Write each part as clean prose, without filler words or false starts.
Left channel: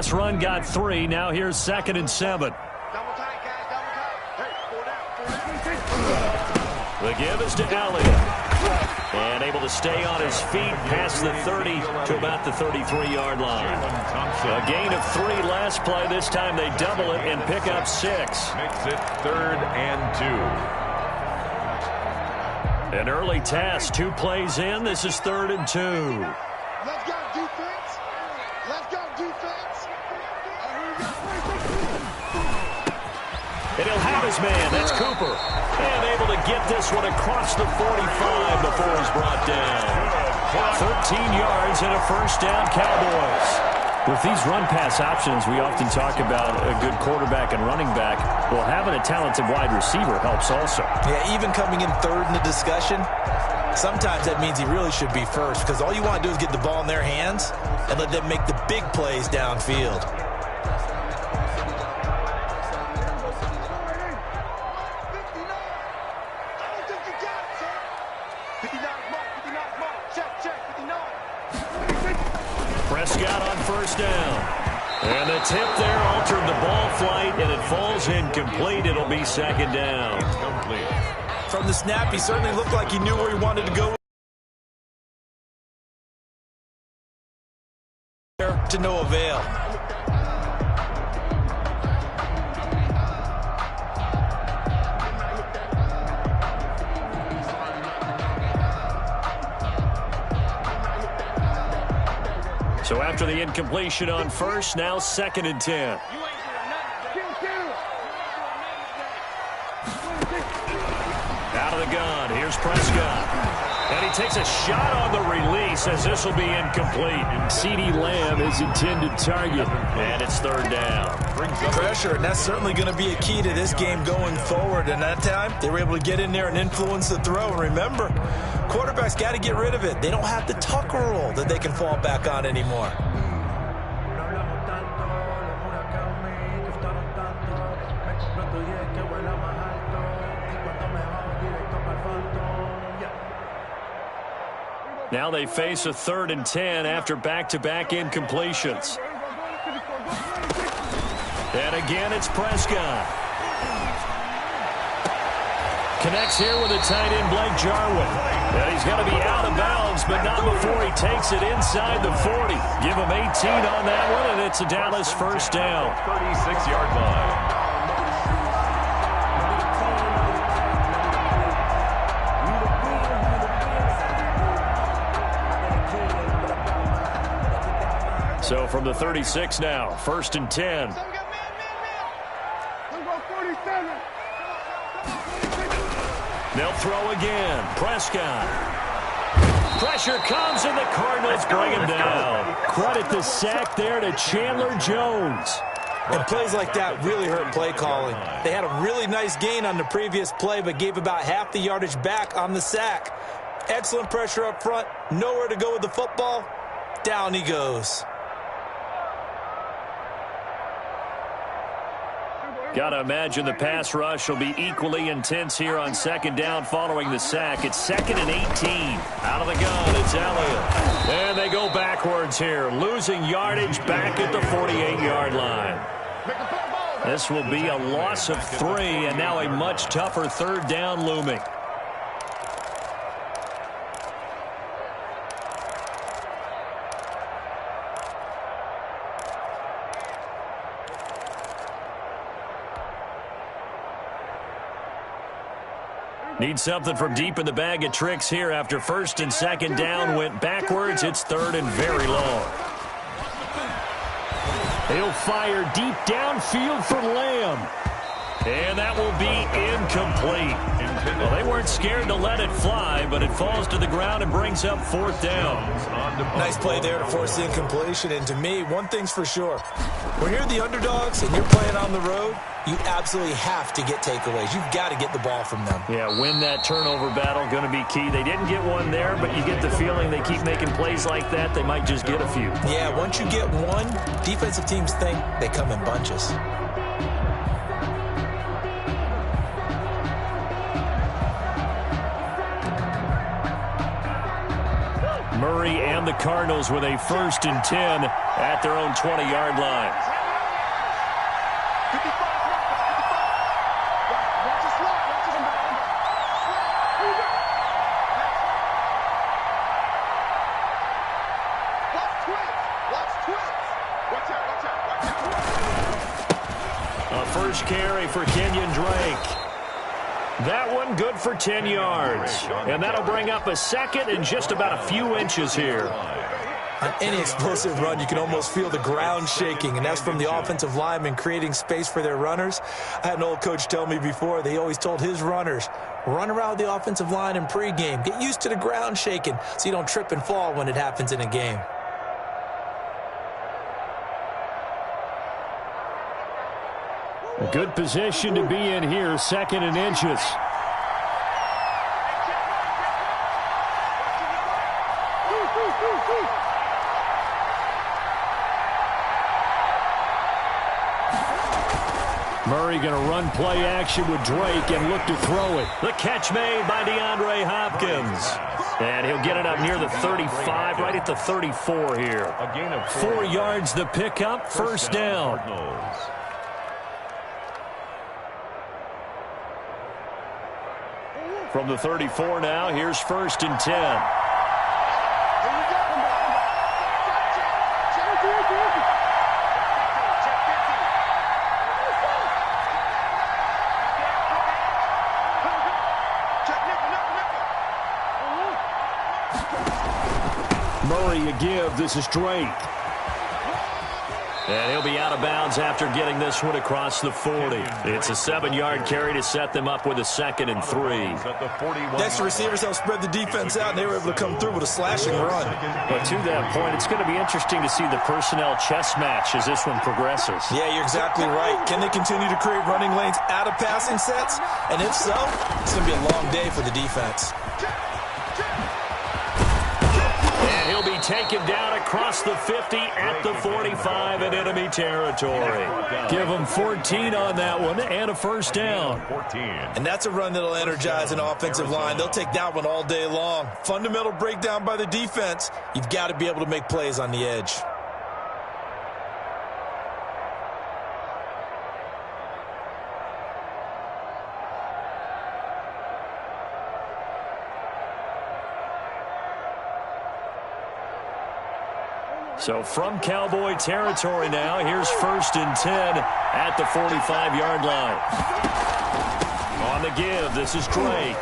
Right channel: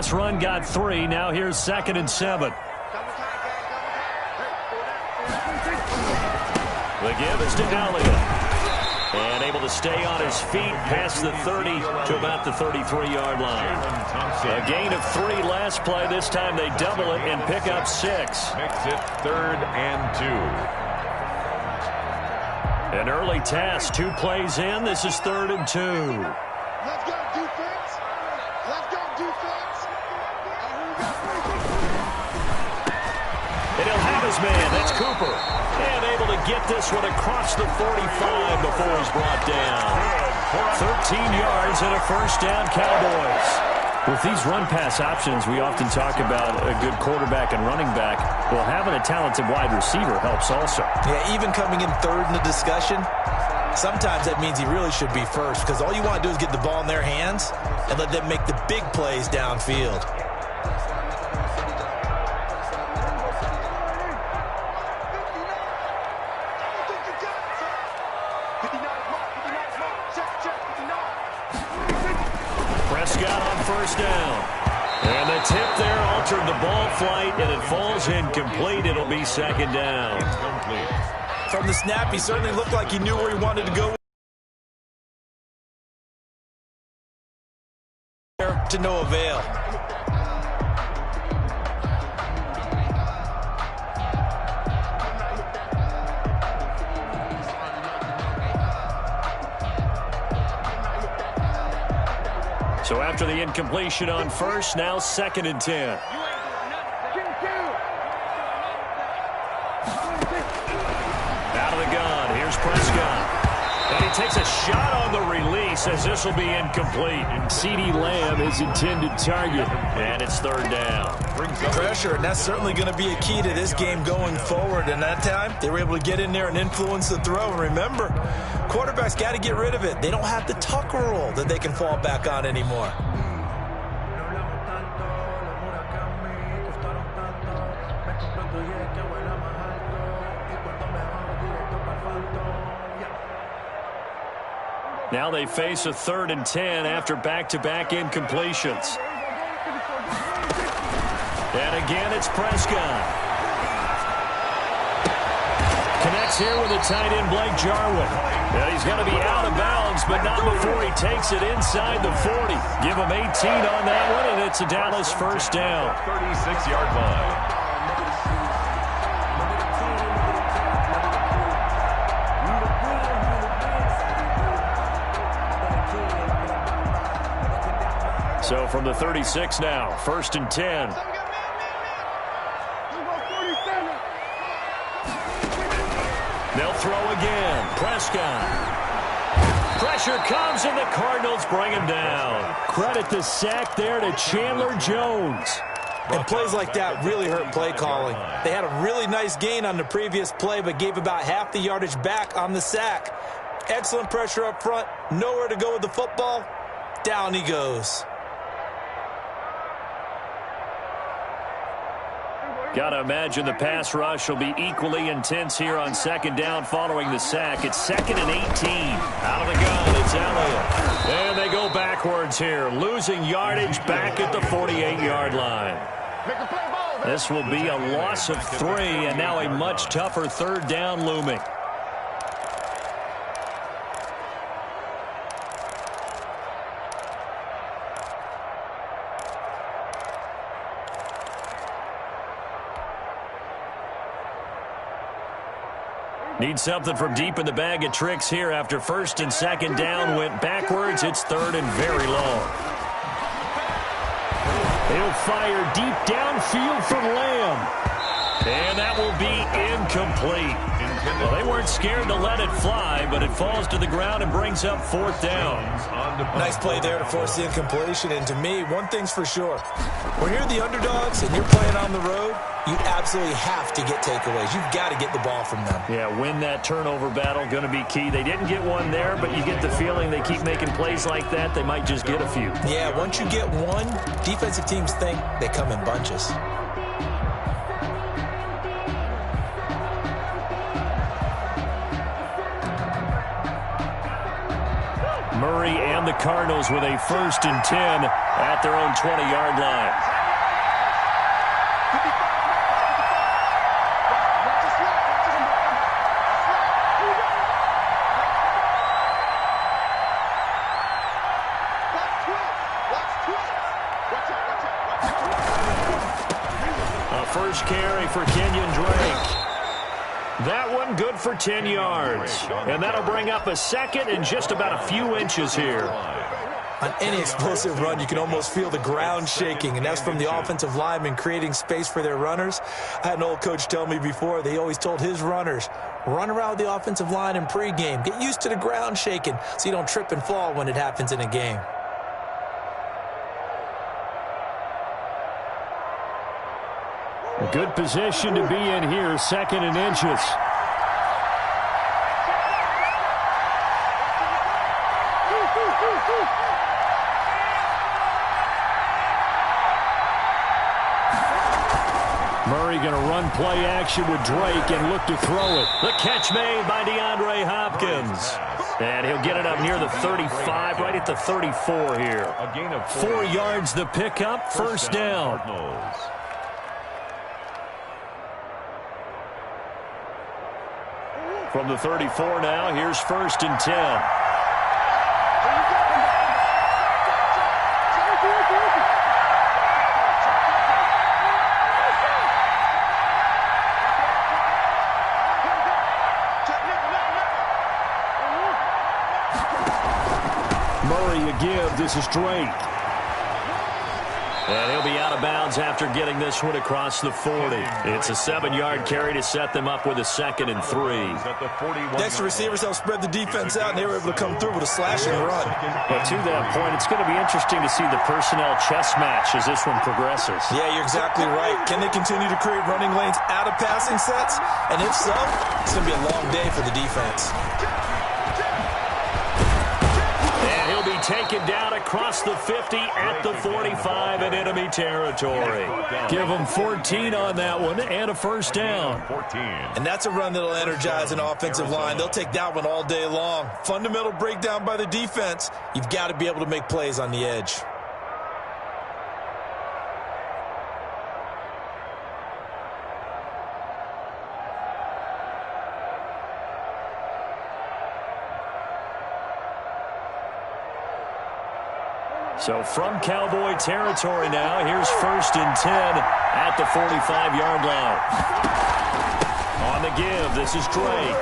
pass run got 3. Now here's 2nd and 7. The give is to Elliott. And able to stay on his feet past the 30 to about the 33-yard line. A gain of 3 last play. This time they double it and pick up 6. Makes it 3rd and 2. An early task. 2 plays in. This is 3rd and 2. Let's go defense. Let's go defense. And he'll have his man. That's Cooper. And able to get this one across the 45 before he's brought down. 13 yards and a first down, Cowboys. With these run-pass options, we often talk about a good quarterback and running back. Well, having a talented wide receiver helps also. Yeah, even coming in 3rd in the discussion, sometimes that means he really should be first, because all you want to do is get the ball in their hands and let them make the big plays downfield. Prescott on first down. And the tip there altered the ball flight, and it falls incomplete. It'll be 2nd down. Complete. From the snap, he certainly looked like he knew where he wanted to go. To no avail. So after the incompletion on first, now 2nd and 10. Out of the gun, here's Prescott. And he takes a shot on the release as this will be incomplete. CeeDee Lamb is intended target. And it's 3rd down. Pressure, and that's certainly going to be a key to this game going forward. And that time, they were able to get in there and influence the throw. And remember, quarterbacks got to get rid of it. They don't have the tuck rule that they can fall back on anymore. Now they face a 3rd and 10 after back-to-back incompletions. And again, it's Prescott. Connects here with a tight end, Blake Jarwin. And he's going to be out of bounds, but not before he takes it inside the 40. Give him 18 on that one, and it's a Dallas first down. 36-yard line. So from the 36 now, 1st and 10. They'll throw again. Prescott. Pressure comes, and the Cardinals bring him down. Credit the sack there to Chandler Jones. And plays like that really hurt play calling. They had a really nice gain on the previous play, but gave about half the yardage back on the sack. Excellent pressure up front. Nowhere to go with the football. Down he goes. Got to imagine the pass rush will be equally intense here on 2nd down following the sack. It's 2nd and 18. Out of the gun, it's Elliott. And they go backwards here, losing yardage back at the 48-yard line. This will be a loss of 3, and now a much tougher 3rd down looming. Need something from deep in the bag of tricks here after 1st and 2nd down went backwards. It's 3rd and very long. He'll fire deep downfield for Lamb. And that will be incomplete. Well, they weren't scared to let it fly, but it falls to the ground and brings up 4th down. Nice play there to force the incompletion. And to me, one thing's for sure. When you're the underdogs and you're playing on the road, you absolutely have to get takeaways. You've got to get the ball from them. Yeah, win that turnover battle, going to be key. They didn't get one there, but you get the feeling they keep making plays like that, they might just get a few. Yeah, once you get one, defensive teams think they come in bunches. Murray and the Cardinals with a 1st and 10 at their own 20-yard line. A first carry for Kenyon Drake. That one good for 10 yards. And that'll bring up a 2nd and just about a few inches here. On any explosive run, you can almost feel the ground shaking, and that's from the offensive linemen creating space for their runners. I had an old coach tell me before, they always told his runners, run around the offensive line in pregame. Get used to the ground shaking so you don't trip and fall when it happens in a game. A good position to be in here, 2nd and inches. Murray going to run play action with Drake and look to throw it. The catch made by DeAndre Hopkins. And he'll get it up near the 35, right at the 34 here. 4 yards the pickup, 1st down. From the 34 now, here's 1st and 10. Murray a give. This is Drake. And he'll be out of bounds after getting this one across the 40. It's a 7-yard carry to set them up with a 2nd and 3. Next, the receivers help spread the defense out, and they were able to come through with a slashing run. But to that point, it's going to be interesting to see the personnel chess match as this one progresses. Yeah, you're exactly right. Can they continue to create running lanes out of passing sets? And if so, it's going to be a long day for the defense. He'll be taken down across the 50 at the 45 in enemy territory. Give him 14 on that one and a 1st down. And that's a run that'll energize an offensive line. They'll take that one all day long. Fundamental breakdown by the defense. You've got to be able to make plays on the edge. So from Cowboy territory now, here's 1st and 10 at the 45-yard line. On the give, this is Drake.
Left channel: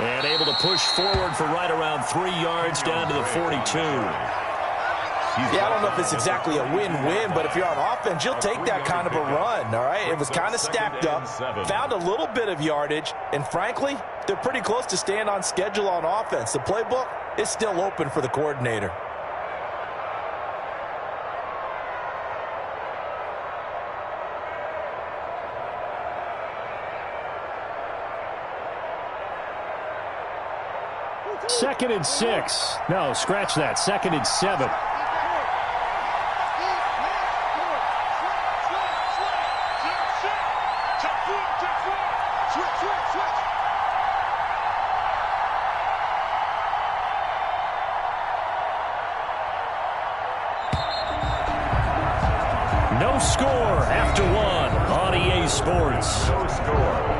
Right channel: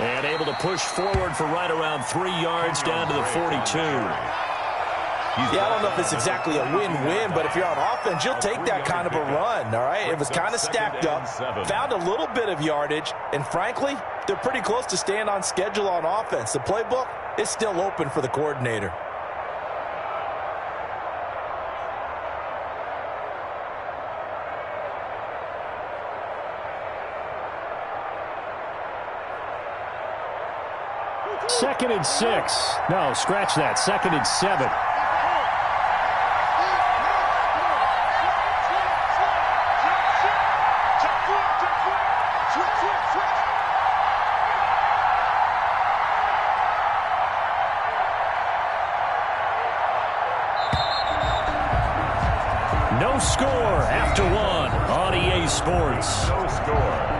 And able to push forward for right around 3 yards down to the 42. Yeah, I don't know if it's exactly a win-win, but if you're on offense, you'll take that kind of a run, all right? It was kind of stacked up, found a little bit of yardage, and frankly, they're pretty close to staying on schedule on offense. The playbook is still open for the coordinator. Second and 6. No, scratch that. 2nd and 7. No score after 1 on EA Sports. No score.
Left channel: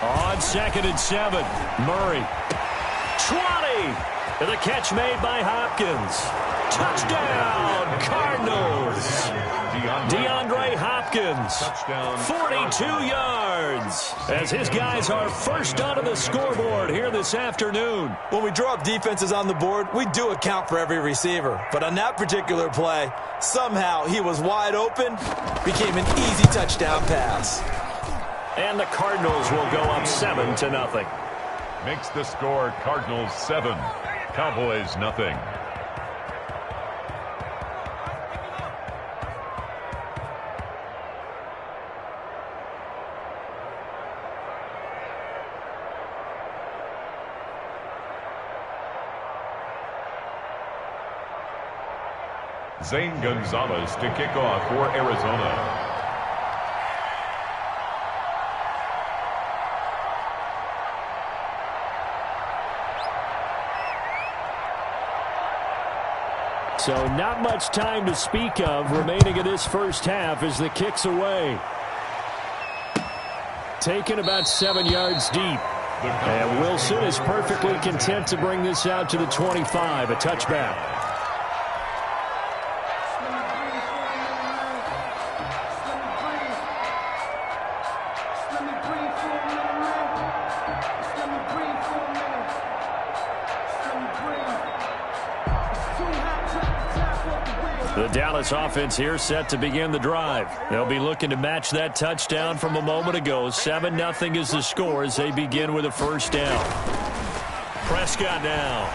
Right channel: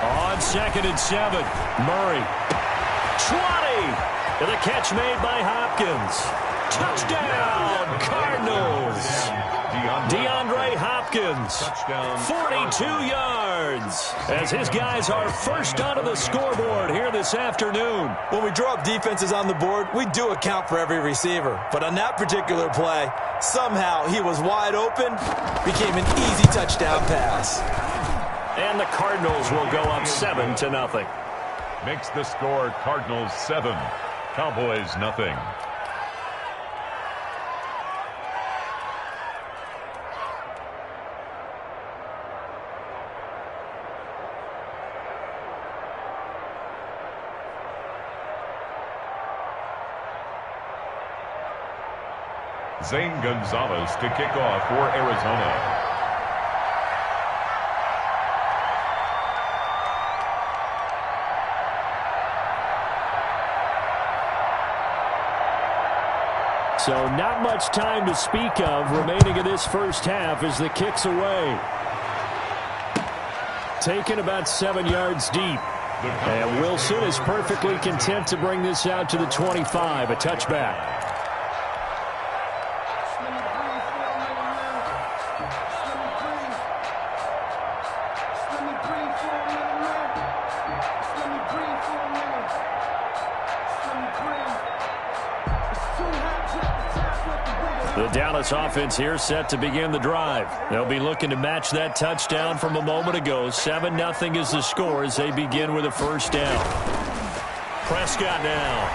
On 2nd and 7, Murray. 20. The catch made by Hopkins. Touchdown, Cardinals. DeAndre Hopkins Hopkins, 42 yards, as his guys are first onto the scoreboard here this afternoon. When we draw up defenses on the board, we do account for every receiver. But on that particular play, somehow he was wide open, became an easy touchdown pass. And the Cardinals will go up 7-0. Makes the score Cardinals 7, Cowboys nothing. Zane Gonzalez to kick off for Arizona. So not much time to speak of remaining in this first half as the kick's away. Taken about 7 yards deep. And Wilson is perfectly content to bring this out to the 25, a touchback. The Dallas offense here set to begin the drive. They'll be looking to match that touchdown from a moment ago. 7-0 is the score as they begin with a first down. Prescott now.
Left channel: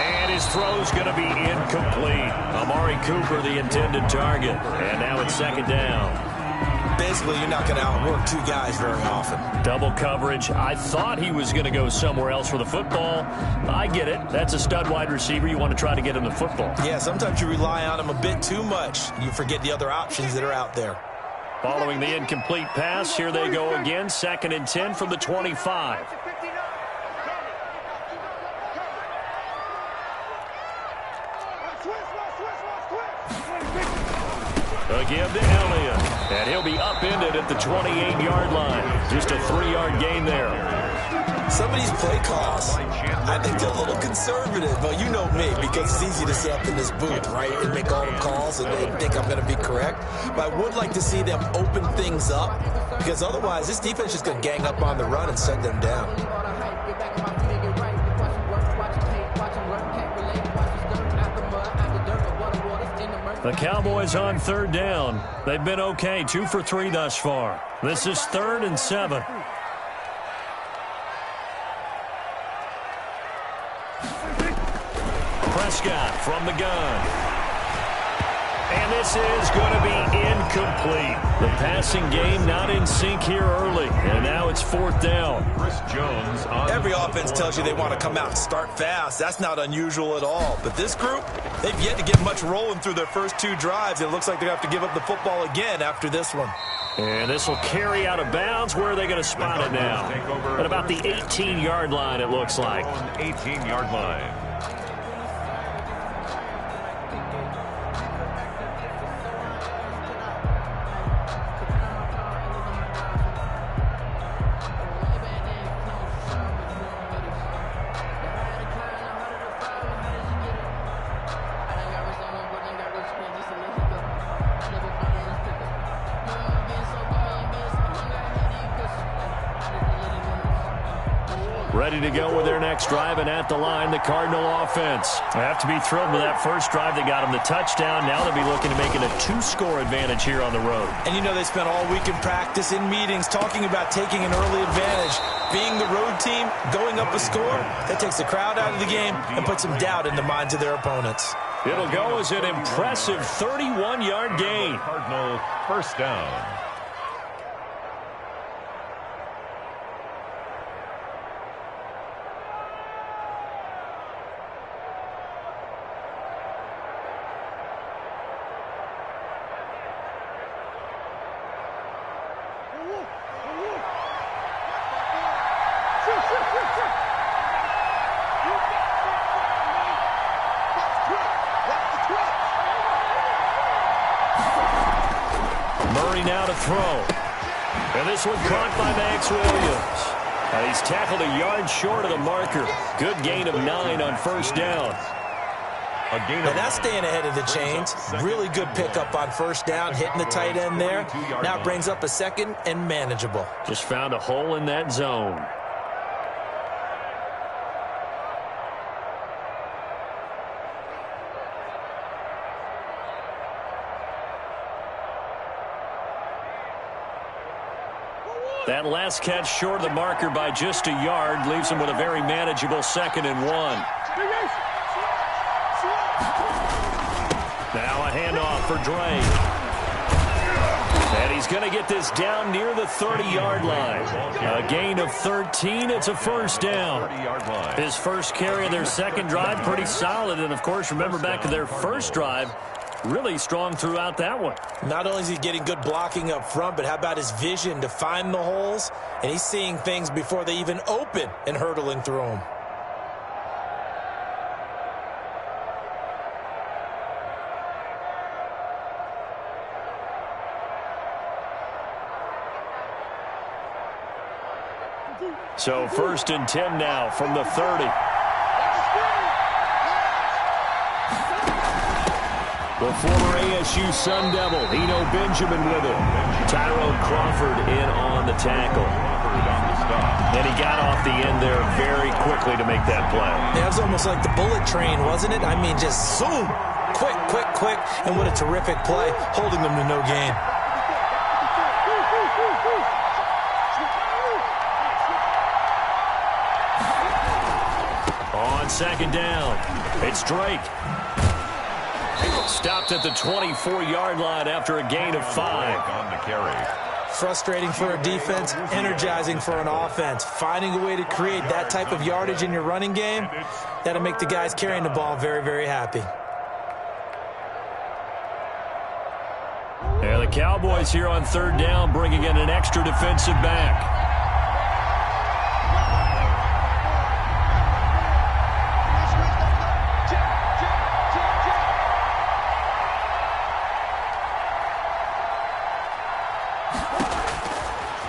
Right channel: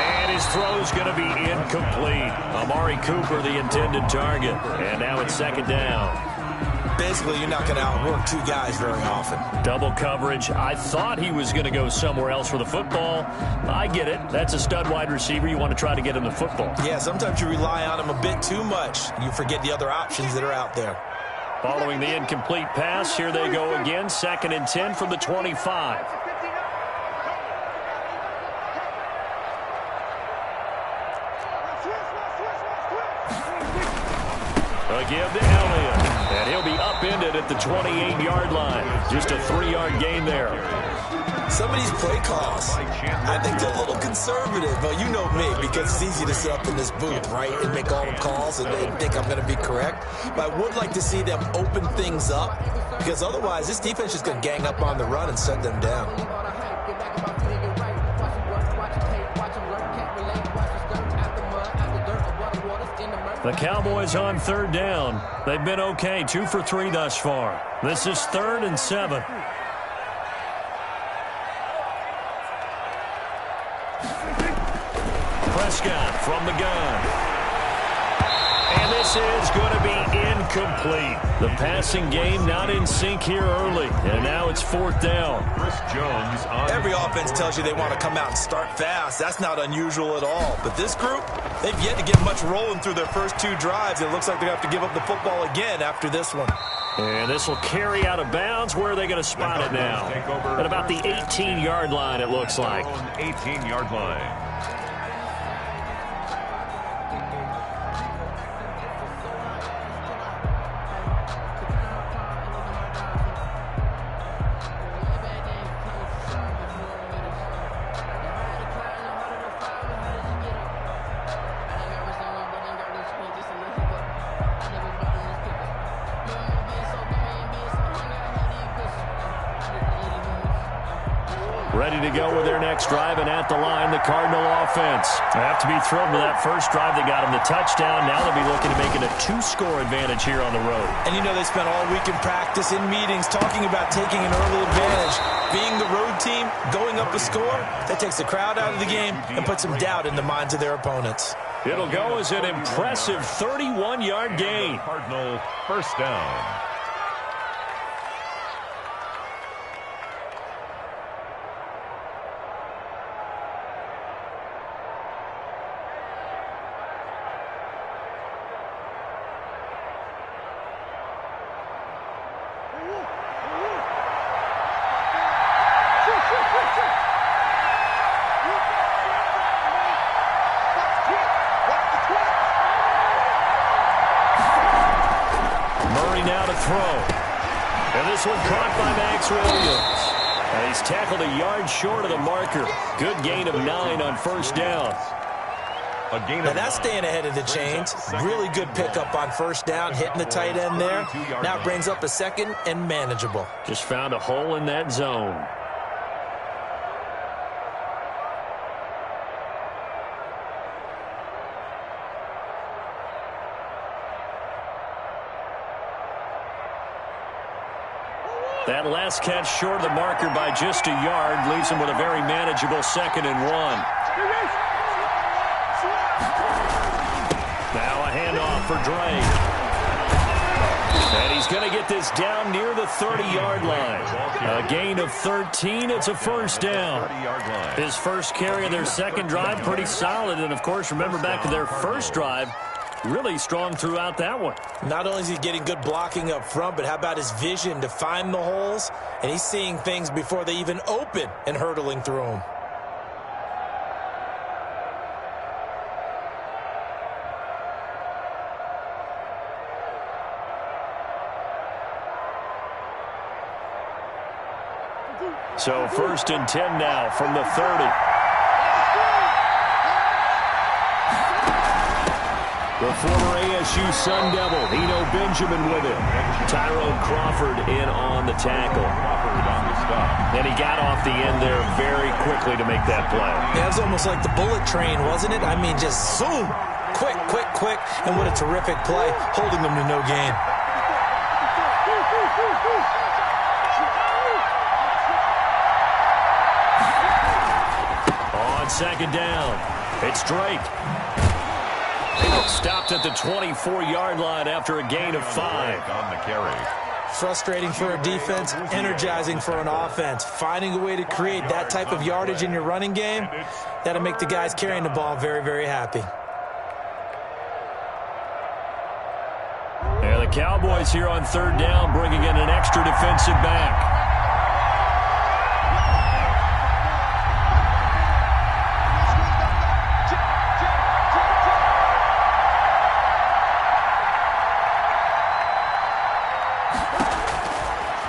And his throw's going to be incomplete. Amari Cooper, the intended target. And now it's second down. Basically, you're not going to outwork two guys very often. Double coverage. I thought he was going to go somewhere else for the football. I get it. That's a stud wide receiver. You want to try to get him the football. Yeah, sometimes you rely on him a bit too much. You forget the other options that are out there. Following the incomplete pass, here they go again. 2nd and 10 from the 25. A give to Elliott. And he'll be upended at the 28-yard line. Just a 3-yard gain there. Some of these play calls, I think they're a little conservative. But you know me, because it's easy to sit up in this booth, right, and make all the calls and think I'm going to be correct. But I would like to see them open things up, because otherwise this defense is going to gang up on the run and send them down. The Cowboys on 3rd down. They've been okay, 2 for 3 thus far. This is 3rd and 7. Prescott from the gun. And this is going to be incomplete. The passing game not in sync here early. And now it's 4th down. Chris Jones on Every offense tells you they want to come out and start fast. That's not unusual at all. But this group, they've yet to get much rolling through their first 2 drives. It looks like they're going to have to give up the football again after this one. And this will carry out of bounds. Where are they going to spot it now? At about the 18-yard line, it looks like. 18-yard line. Ready to go with their next drive, and at the line, the Cardinal offense. They have to be thrilled with that first drive that got them the touchdown. Now they'll be looking to make it a 2-score advantage here on the road. And you know they spent all week in practice, in meetings, talking about taking an early advantage. Being the road team, going up a score, that takes the crowd out of the game and puts some doubt in the minds of their opponents. It'll go as an impressive 31-yard gain. Cardinal first down. Murray now to throw. And this one caught by Max Williams. And he's tackled a yard short of the marker. Good gain of 9 on first down. A gain Now of that's 9. staying ahead of the chains. Really good pickup on first down, hitting the tight end there. Now it brings up a second and manageable. Just found a hole in that zone. That last catch short of the marker by just a yard leaves him with a very manageable 2nd and 1. Now a handoff for Drake. And he's going to get this down near the 30-yard line. A gain of 13. It's a first down. His first carry of their second drive, pretty solid. And, of course, remember back to their first drive, really strong throughout that one. Not only is he getting good blocking up front, but how about his vision to find the holes? And he's seeing things before they even open and hurtling through them. So 1st and 10 now from the 30. The former ASU Sun Devil, Eno Benjamin with him. Tyrone Crawford in on the tackle. And he got off the end there very quickly to make that play. Yeah, it was almost like the bullet train, wasn't it? I mean, just zoom. Quick, quick, quick. And what a terrific play, holding them to no gain. On 2nd down, it's Drake. Stopped at the 24-yard line after a gain of 5. On the carry. Frustrating for a defense, energizing for an offense. Finding a way to create that type of yardage in your running game, that'll make the guys carrying the ball very, very happy. And the Cowboys here on 3rd down, bringing in an extra defensive back.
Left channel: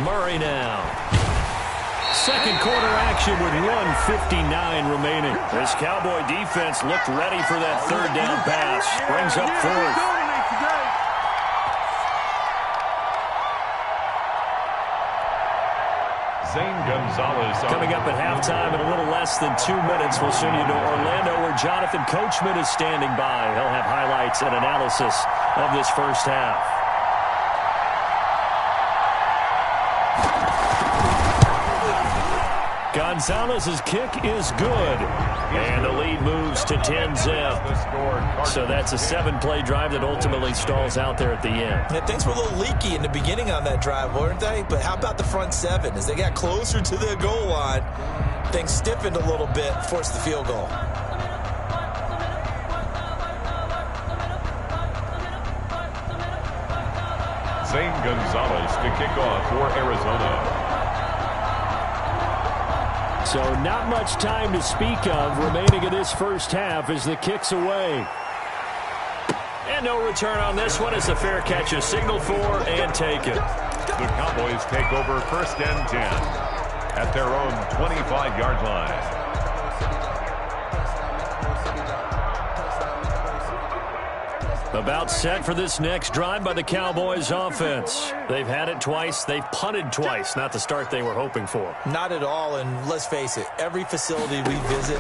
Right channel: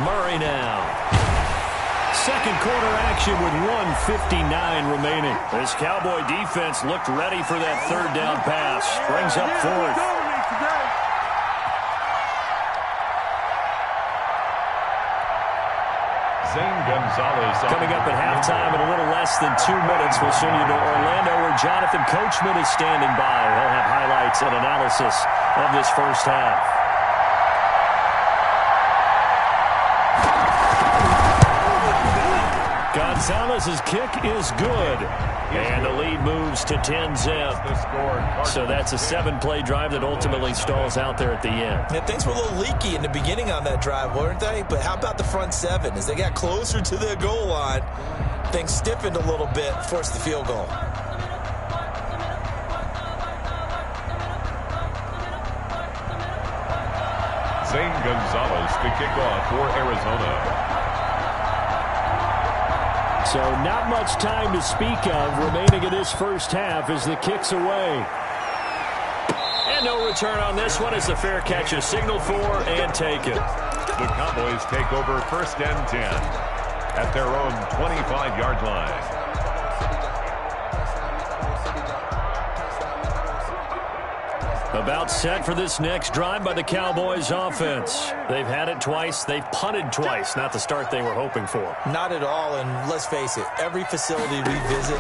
Murray now. Second quarter action with 1:59 remaining. This Cowboy defense looked ready for that 3rd down pass. Brings up 4th. Zane Gonzalez. Coming up at halftime in a little less than 2 minutes, we'll send you to Orlando where Jonathan Coachman is standing by. He'll have highlights and analysis of this first half. Gonzalez's kick is good. And the lead moves to 10-zip. So that's a 7-play drive that ultimately stalls out there at the end. Yeah, things were a little leaky in the beginning on that drive, weren't they? But how about the front 7? As they got closer to the goal line, things stiffened a little bit, forced the field goal. Zane Gonzalez to kick off for Arizona. So not much time to speak of remaining in this first half as the kick's away. And no return on this one as the fair catch is signaled for and taken. The Cowboys take over 1st and 10 at their own 25-yard line. About set for this next drive by the Cowboys offense. They've had it twice. They've punted twice. Not the start they were hoping for. Not at all, and let's face it, every facility we visit,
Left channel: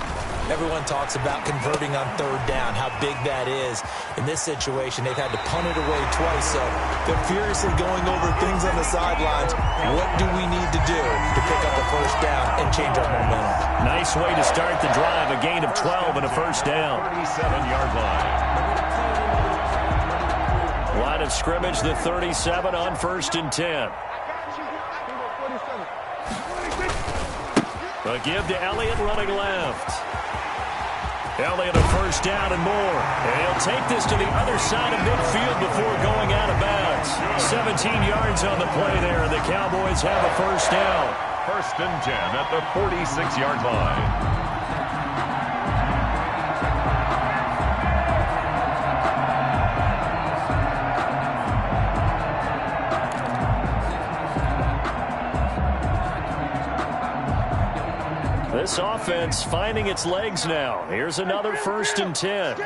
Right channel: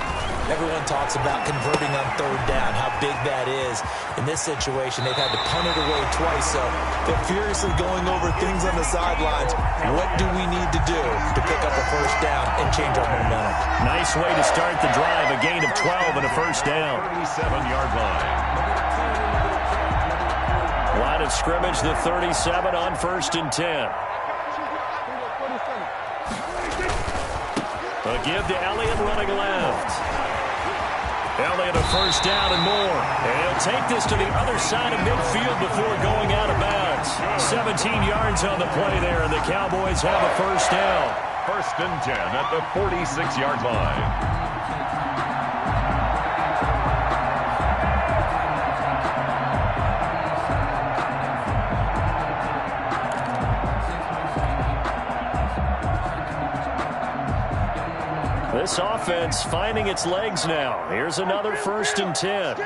everyone talks about converting on 3rd down, how big that is. In this situation, they've had to punt it away twice, so they're furiously going over things on the sidelines. What do we need to do to pick up a first down and change our momentum? Nice way to start the drive. A gain of 12 and a first down. 37-yard line. Line of scrimmage, the 37 on 1st and 10. A give to Elliott running left. Elliott a first down and more. And he'll take this to the other side of midfield before going out of bounds. 17 yards on the play there, and the Cowboys have a first down. 1st and 10 at the 46-yard line. This offense finding its legs now. Here's another 1st and 10.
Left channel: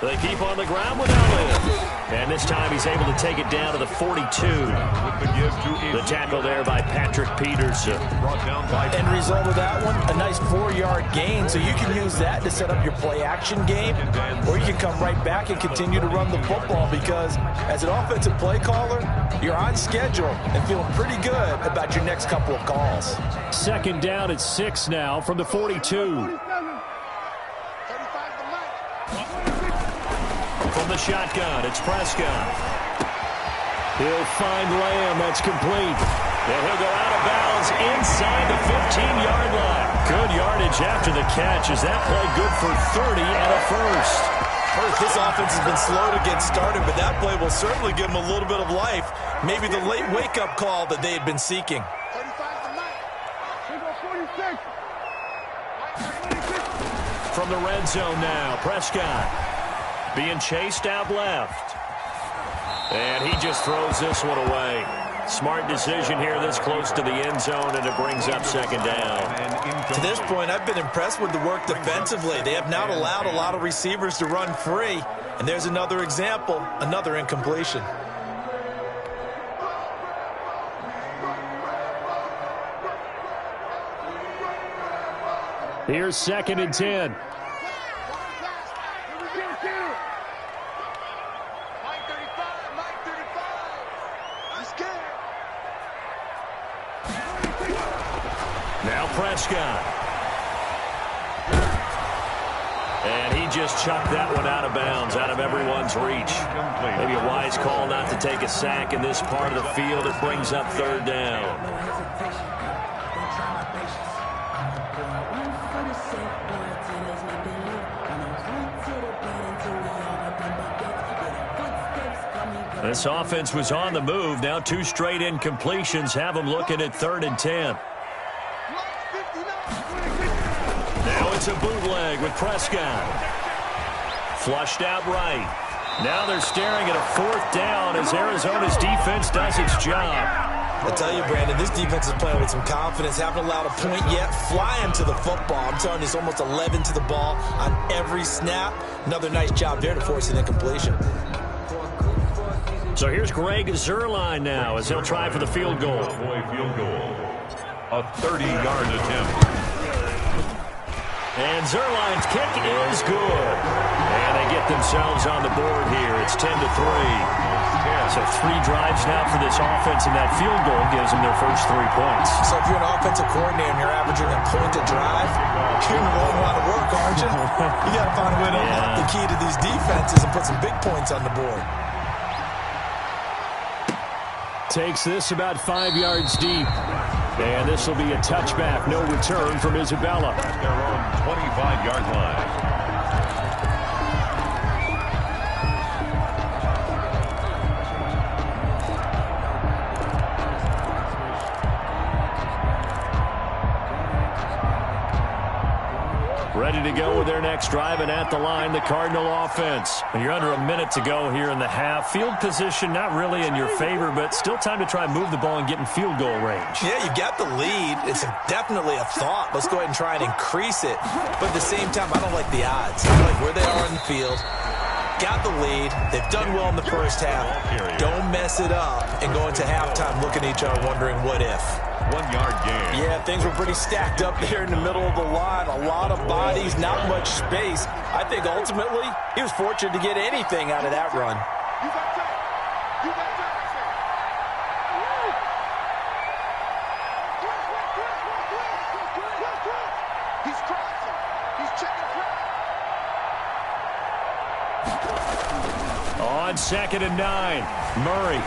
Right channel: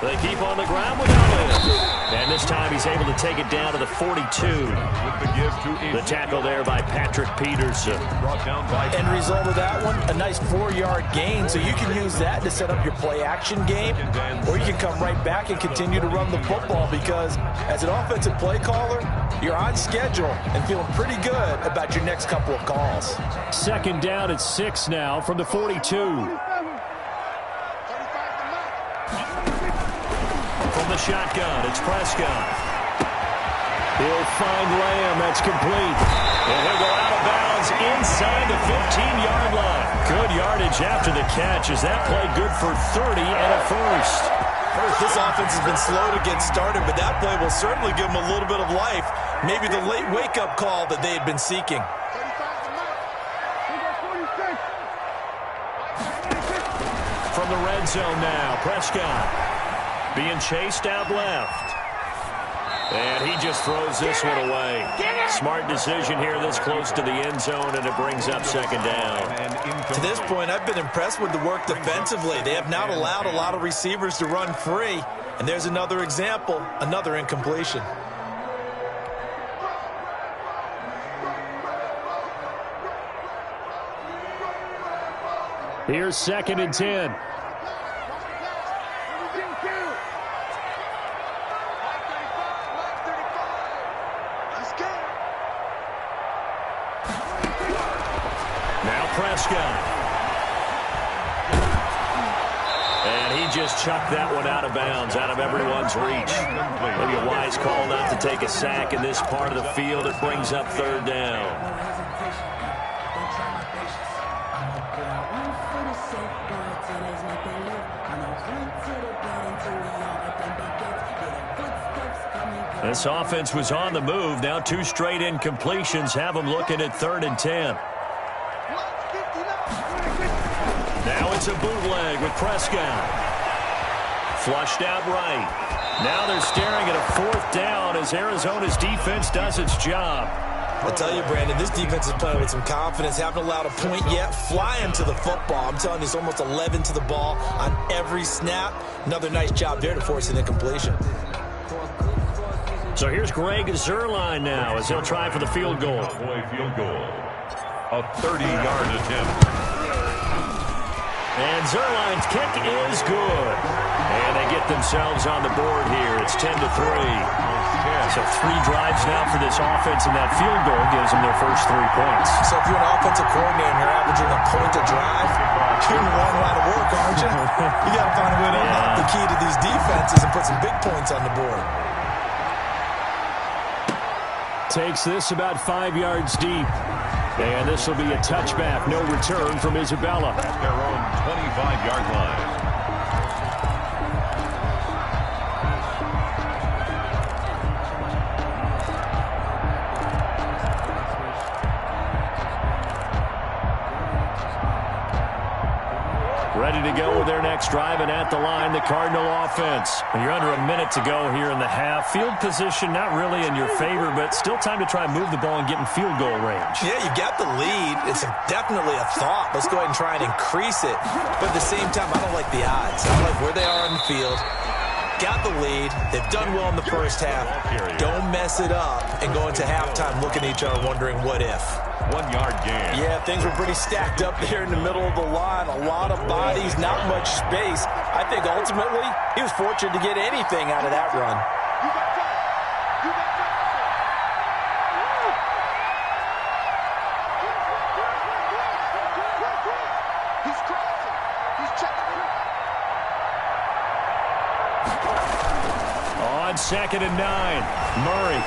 They keep on the ground with Elliott. And this time he's able to take it down to the 42. The tackle there by Patrick Peterson. End result of that one, a nice 4-yard gain. So you can use that to set up your play-action game, or you can come right back and continue to run the football, because as an offensive play caller, you're on schedule and feeling pretty good about your next couple of calls. 2nd down at 6 now from the 42. From the shotgun, it's Prescott. He'll find Lamb. That's complete. And he'll go out of bounds inside the 15-yard line. Good yardage after the catch. Is that play good for 30 and a first? This offense has been slow to get started, but that play will certainly give them a little bit of life. Maybe the late wake-up call that they had been seeking. 35 From the red zone now, Prescott being chased out left. And he just throws this one away. Smart decision here this close to the end zone, and it brings up 2nd down. To this point, I've been impressed with the work defensively. They have not allowed a lot of receivers to run free. And there's another example, another incompletion. Here's 2nd and 10. Now Prescott. And he just chucked that one out of bounds, out of everyone's reach. Maybe a wise call not to take a sack in this part of the field. It brings up 3rd down. This offense was on the move. Now 2 straight incompletions have them looking at 3rd and 10. Now it's a bootleg with Prescott. Flushed out right. Now they're staring at a 4th down as Arizona's defense does its job. I tell you, Brandon, this defense is playing with some confidence. Haven't allowed a point yet. Flying to the football. I'm telling you, it's almost 11 to the ball on every snap. Another nice job there to force an incompletion. So here's Greg Zuerlein now as he'll try for the field goal. Field goal. A 30-yard attempt. And Zuerlein's kick is good. And they get themselves on the board here. It's 10-3. So 3 drives now for this offense, and that field goal gives them their first 3 points. So if you're an offensive coordinator and you're averaging a point a drive, you're going to run a lot of work, aren't you? You got to find a way to unlock the key to these defenses and put some big points on the board. Takes this about 5 yards deep. And this will be a touchback. No return from Isabella. At their own 25-yard line. Ready to go with their next drive, and at the line, the Cardinal offense. You're under a minute to go here in the half. Field position not really in your favor, but still time to try and move the ball and get in field goal range. Yeah, you got the lead. It's definitely a thought. Let's go ahead and try and increase it. But at the same time, I don't like the odds. I like where they are on the field. Got the lead. They've done well in the first half. Don't mess it up and go into halftime looking at each other wondering what if. 1-yard gain. Yeah, things were pretty stacked up there in the middle of the line. A lot of bodies, not much space. I think ultimately he was fortunate to get anything out of that run. You got time. You got time. He's crossing. He's checking crowd. On 2nd and 9, Murray.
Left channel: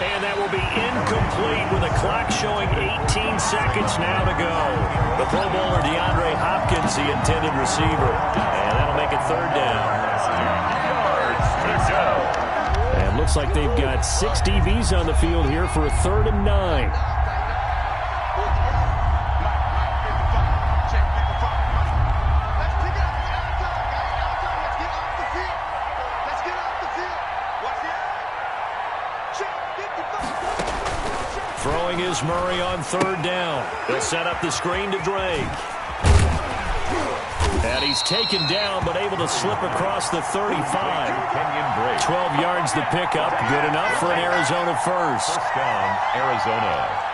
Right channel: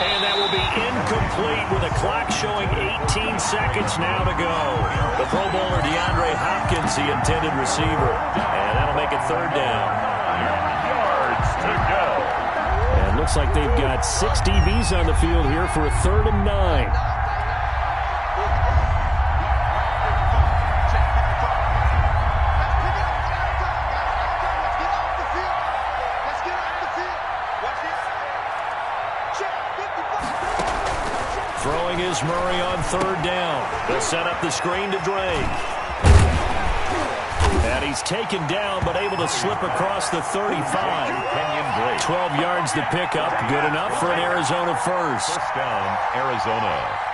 And that will be incomplete with the clock showing 18 seconds now to go. The Pro Bowler DeAndre Hopkins, the intended receiver. And that'll make it 3rd down. 6 yards to go. And looks like they've got 6 DBs on the field here for a 3rd and 9. throwing is Murray on third down. They'll set up the screen to Drake. And he's taken down, but able to slip across the 35. 12 yards the pickup. Good enough for an Arizona first. First down, Arizona.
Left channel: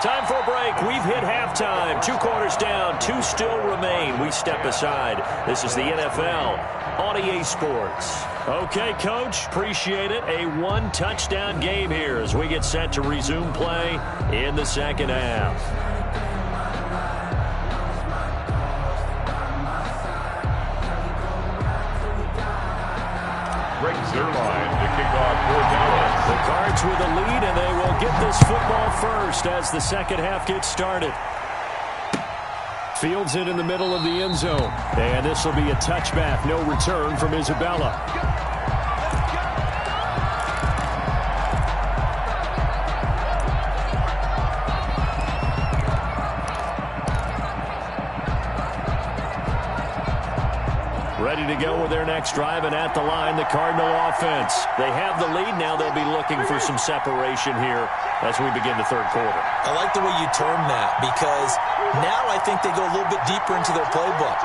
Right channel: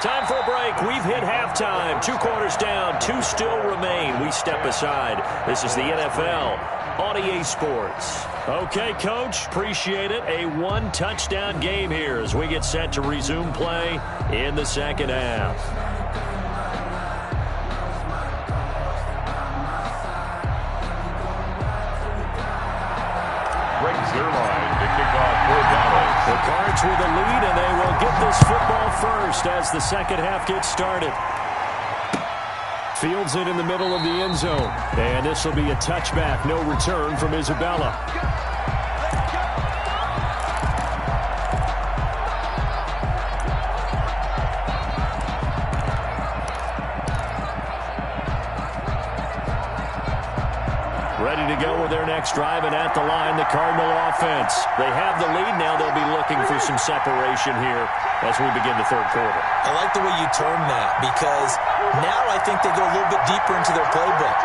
Time for a break. We've hit halftime. 2 quarters down. 2 still remain. We step aside. This is the NFL on EA Sports. Okay, Coach. Appreciate it. A 1-touchdown game here as we get set to resume play in the second half. Greg Zuerlein to kick off for Dallas. The Cards with a lead, and they will get this football first as the second half gets started. Fields it in the middle of the end zone. And this will be a touchback. No return from Isabella. Ready to go with their next drive, and at the line, the Cardinal offense. They have the lead. Now they'll be looking for some separation here as we begin the third quarter. I like the way you term that, because now I think they go a little bit deeper into their playbook.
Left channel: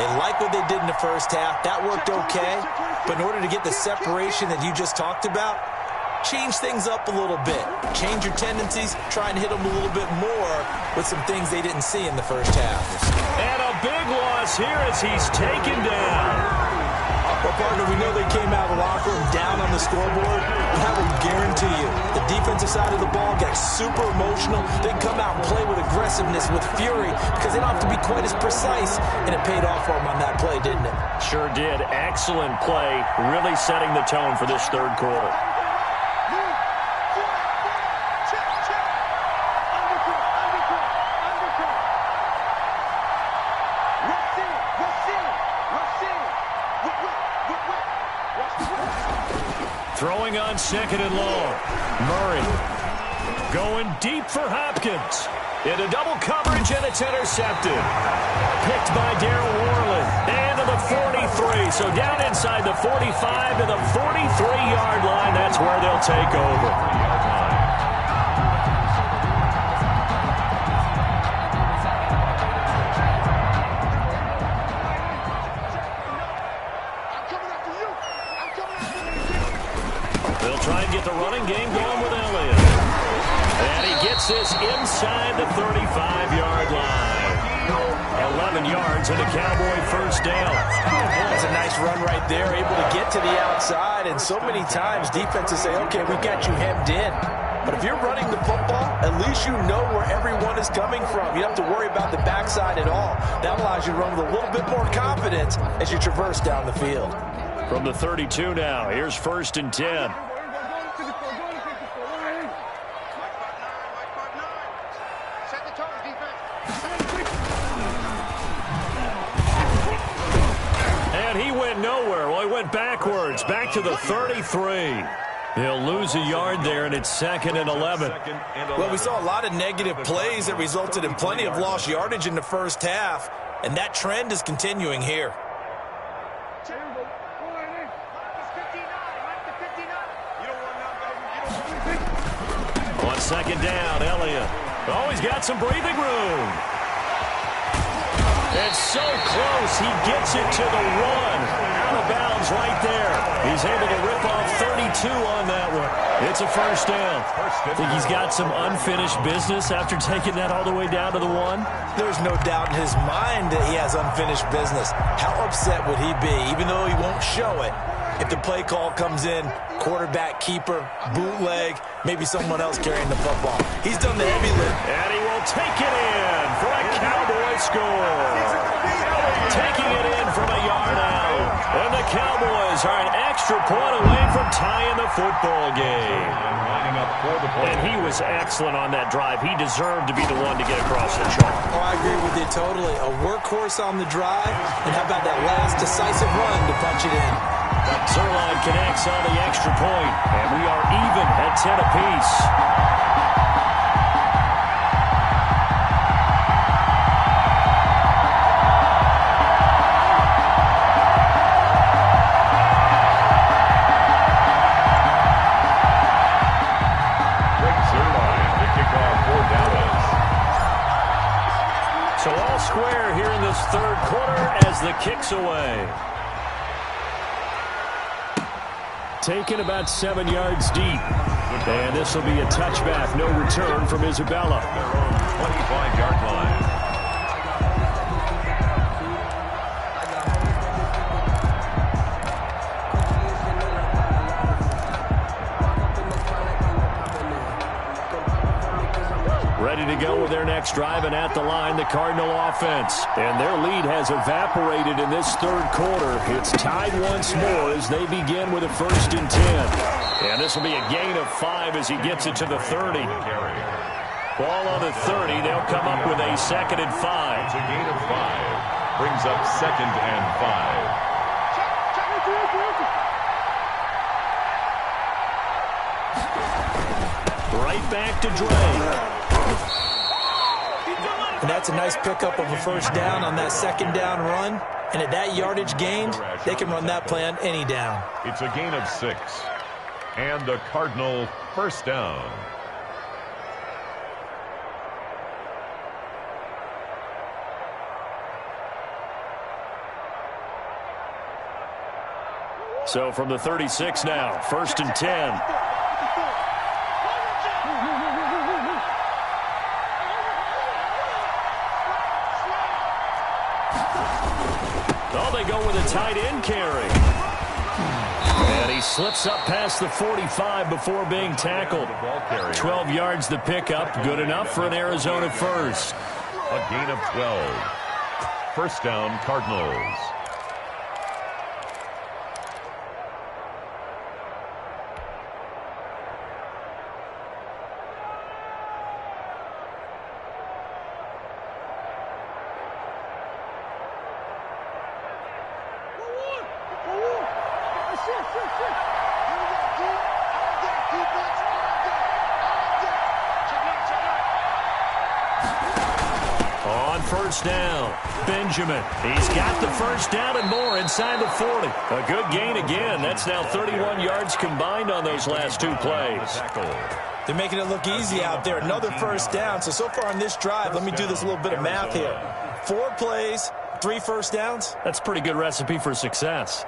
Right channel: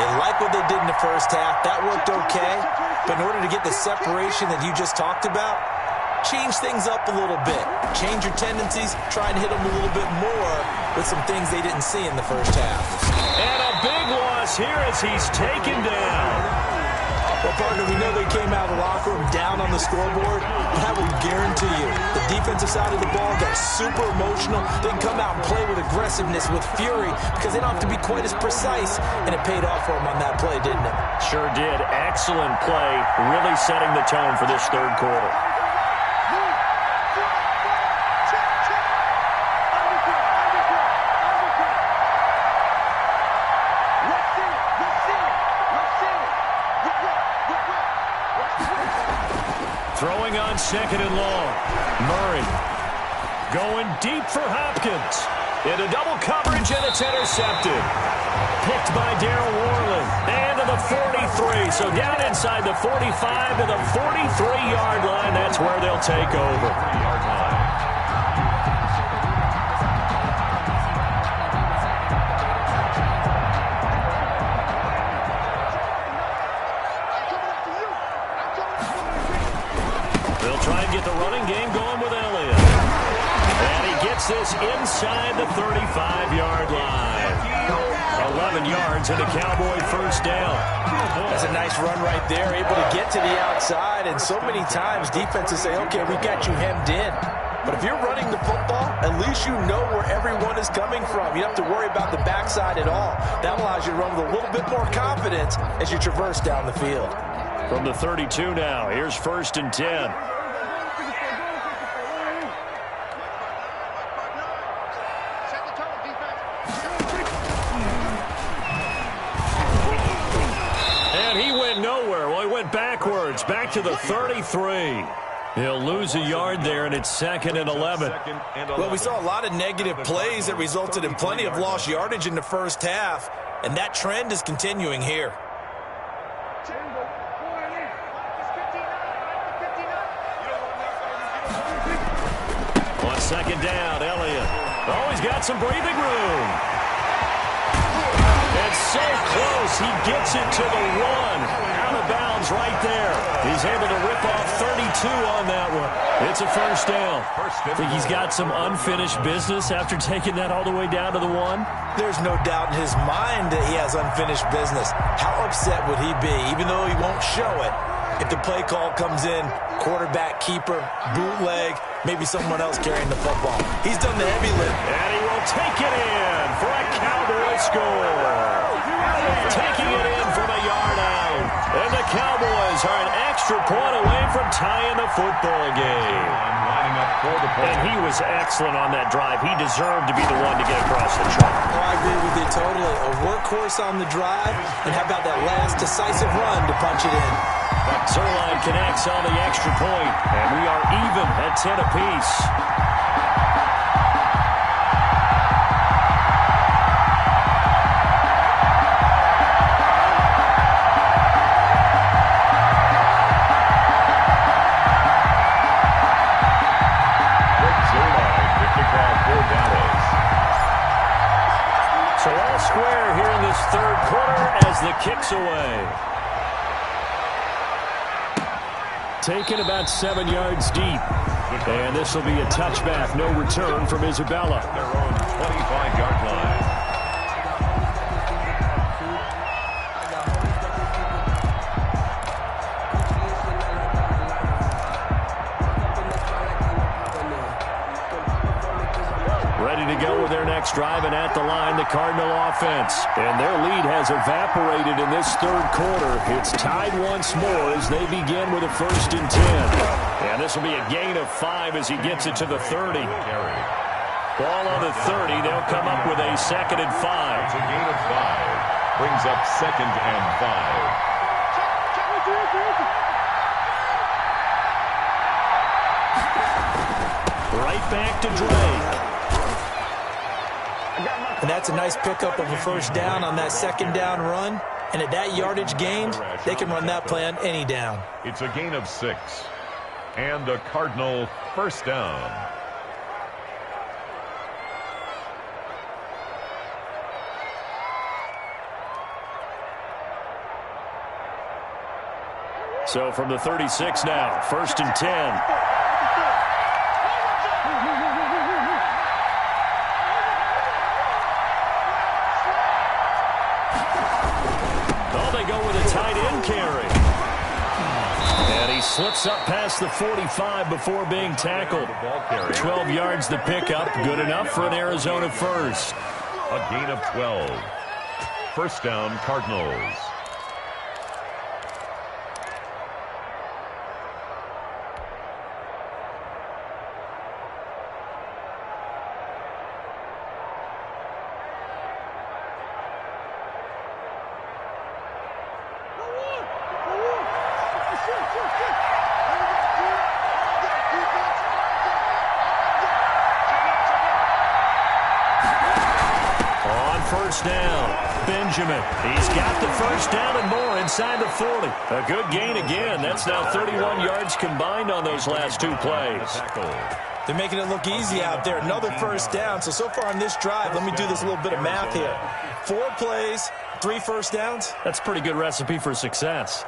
They like what they did in the first half. That worked okay. But in order to get the separation that you just talked about, change things up a little bit. Change your tendencies. Try and hit them a little bit more with some things they didn't see in the first half. And a big loss here as he's taken down. Well, partner, we know they came out of the locker room down on the scoreboard. But I will guarantee you, the defensive side of the ball got super emotional. They can come out and play with aggressiveness, with fury, because they don't have to be quite as precise. And it paid off for them on that play, didn't it? Sure did. Excellent play, really setting the tone for this third quarter. Throwing on second and long. Murray going deep for Hopkins. Into double coverage, and it's intercepted. Picked by Darryl Worley. And to the 43. So down inside the 45 to the 43-yard line. That's where they'll take over. 3-yard line. They'll try and get the running game going with Elliott. And he gets this inside the 35-yard line. 11 yards and a Cowboy first down. That's a nice run right there, able to get to the outside. And so many times defenses say, okay, we've got you hemmed in. But if you're running the football, at least you know where everyone is coming from. You don't have to worry about the backside at all. That allows you to run with a little bit more confidence as you traverse down the field. From the 32 now, here's 1st and 10. And he went nowhere. Well, he went backwards, back to the 33. He'll lose a yard there, and it's 2nd and 11. Well, we saw a lot of negative plays that resulted in plenty of lost yardage in the first half, and that trend is continuing here. On second down, Elliott. Oh, he's got some breathing room. It's so close, he gets it to the 1. Out of bounds right there. He's able to rip off 32 on that one. It's a first down. I think he's got some unfinished business after taking that all the way down to the 1. There's no doubt in his mind that he has unfinished business. How upset would he be, even though he won't show it, if the play call comes in, quarterback, keeper, bootleg, maybe someone else carrying the football. He's done the heavy lift. And he will take it in for a Cowboy score. Taking it in from a yard out. And the Cowboys are an extra point away from tying the football game. Lining up for the play. And he was excellent on that drive. He deserved to be the one to get across the chalk. Oh, I agree with you totally. A workhorse on the drive, and how about that last decisive run to punch it in? Zuerlein connects on the extra point, and we are even at 10 apiece. Greg Zuerlein third quarter as the kick's away. Taken about 7 yards deep. And this will be a touchback. No return from Isabella. Their own 25-yard line. Ready to go with their next drive, and at the line, the Cardinal offense. And their lead has evaporated in this third quarter. It's tied once more as they begin with a 1st and 10. And this will be a gain of 5 as he gets it to the 30. Ball on the 30. They'll come up with a 2nd and 5. It's a gain of 5. Brings up 2nd and 5. Right back to Dre. And that's a nice pickup of a 1st down on that 2nd down run. And at that yardage gained, they can run that play on any down. It's a gain of 6. And a Cardinal 1st down. So from the 36 now, 1st and 10. Oh, they go with a tight end carry. And he slips up past the 45 before being tackled. 12 yards the pickup. Good enough for an Arizona 1st. A gain of 12. 1st down, Cardinals. On 1st down, Benjamin. He's got the 1st down and more inside the 40. A good gain again. That's now 31 yards combined on those last 2 plays. They're making it look easy out there. Another 1st down. So far on this drive, let me do this little bit of math here. 4 plays, 3 1st downs. That's a pretty good recipe for success.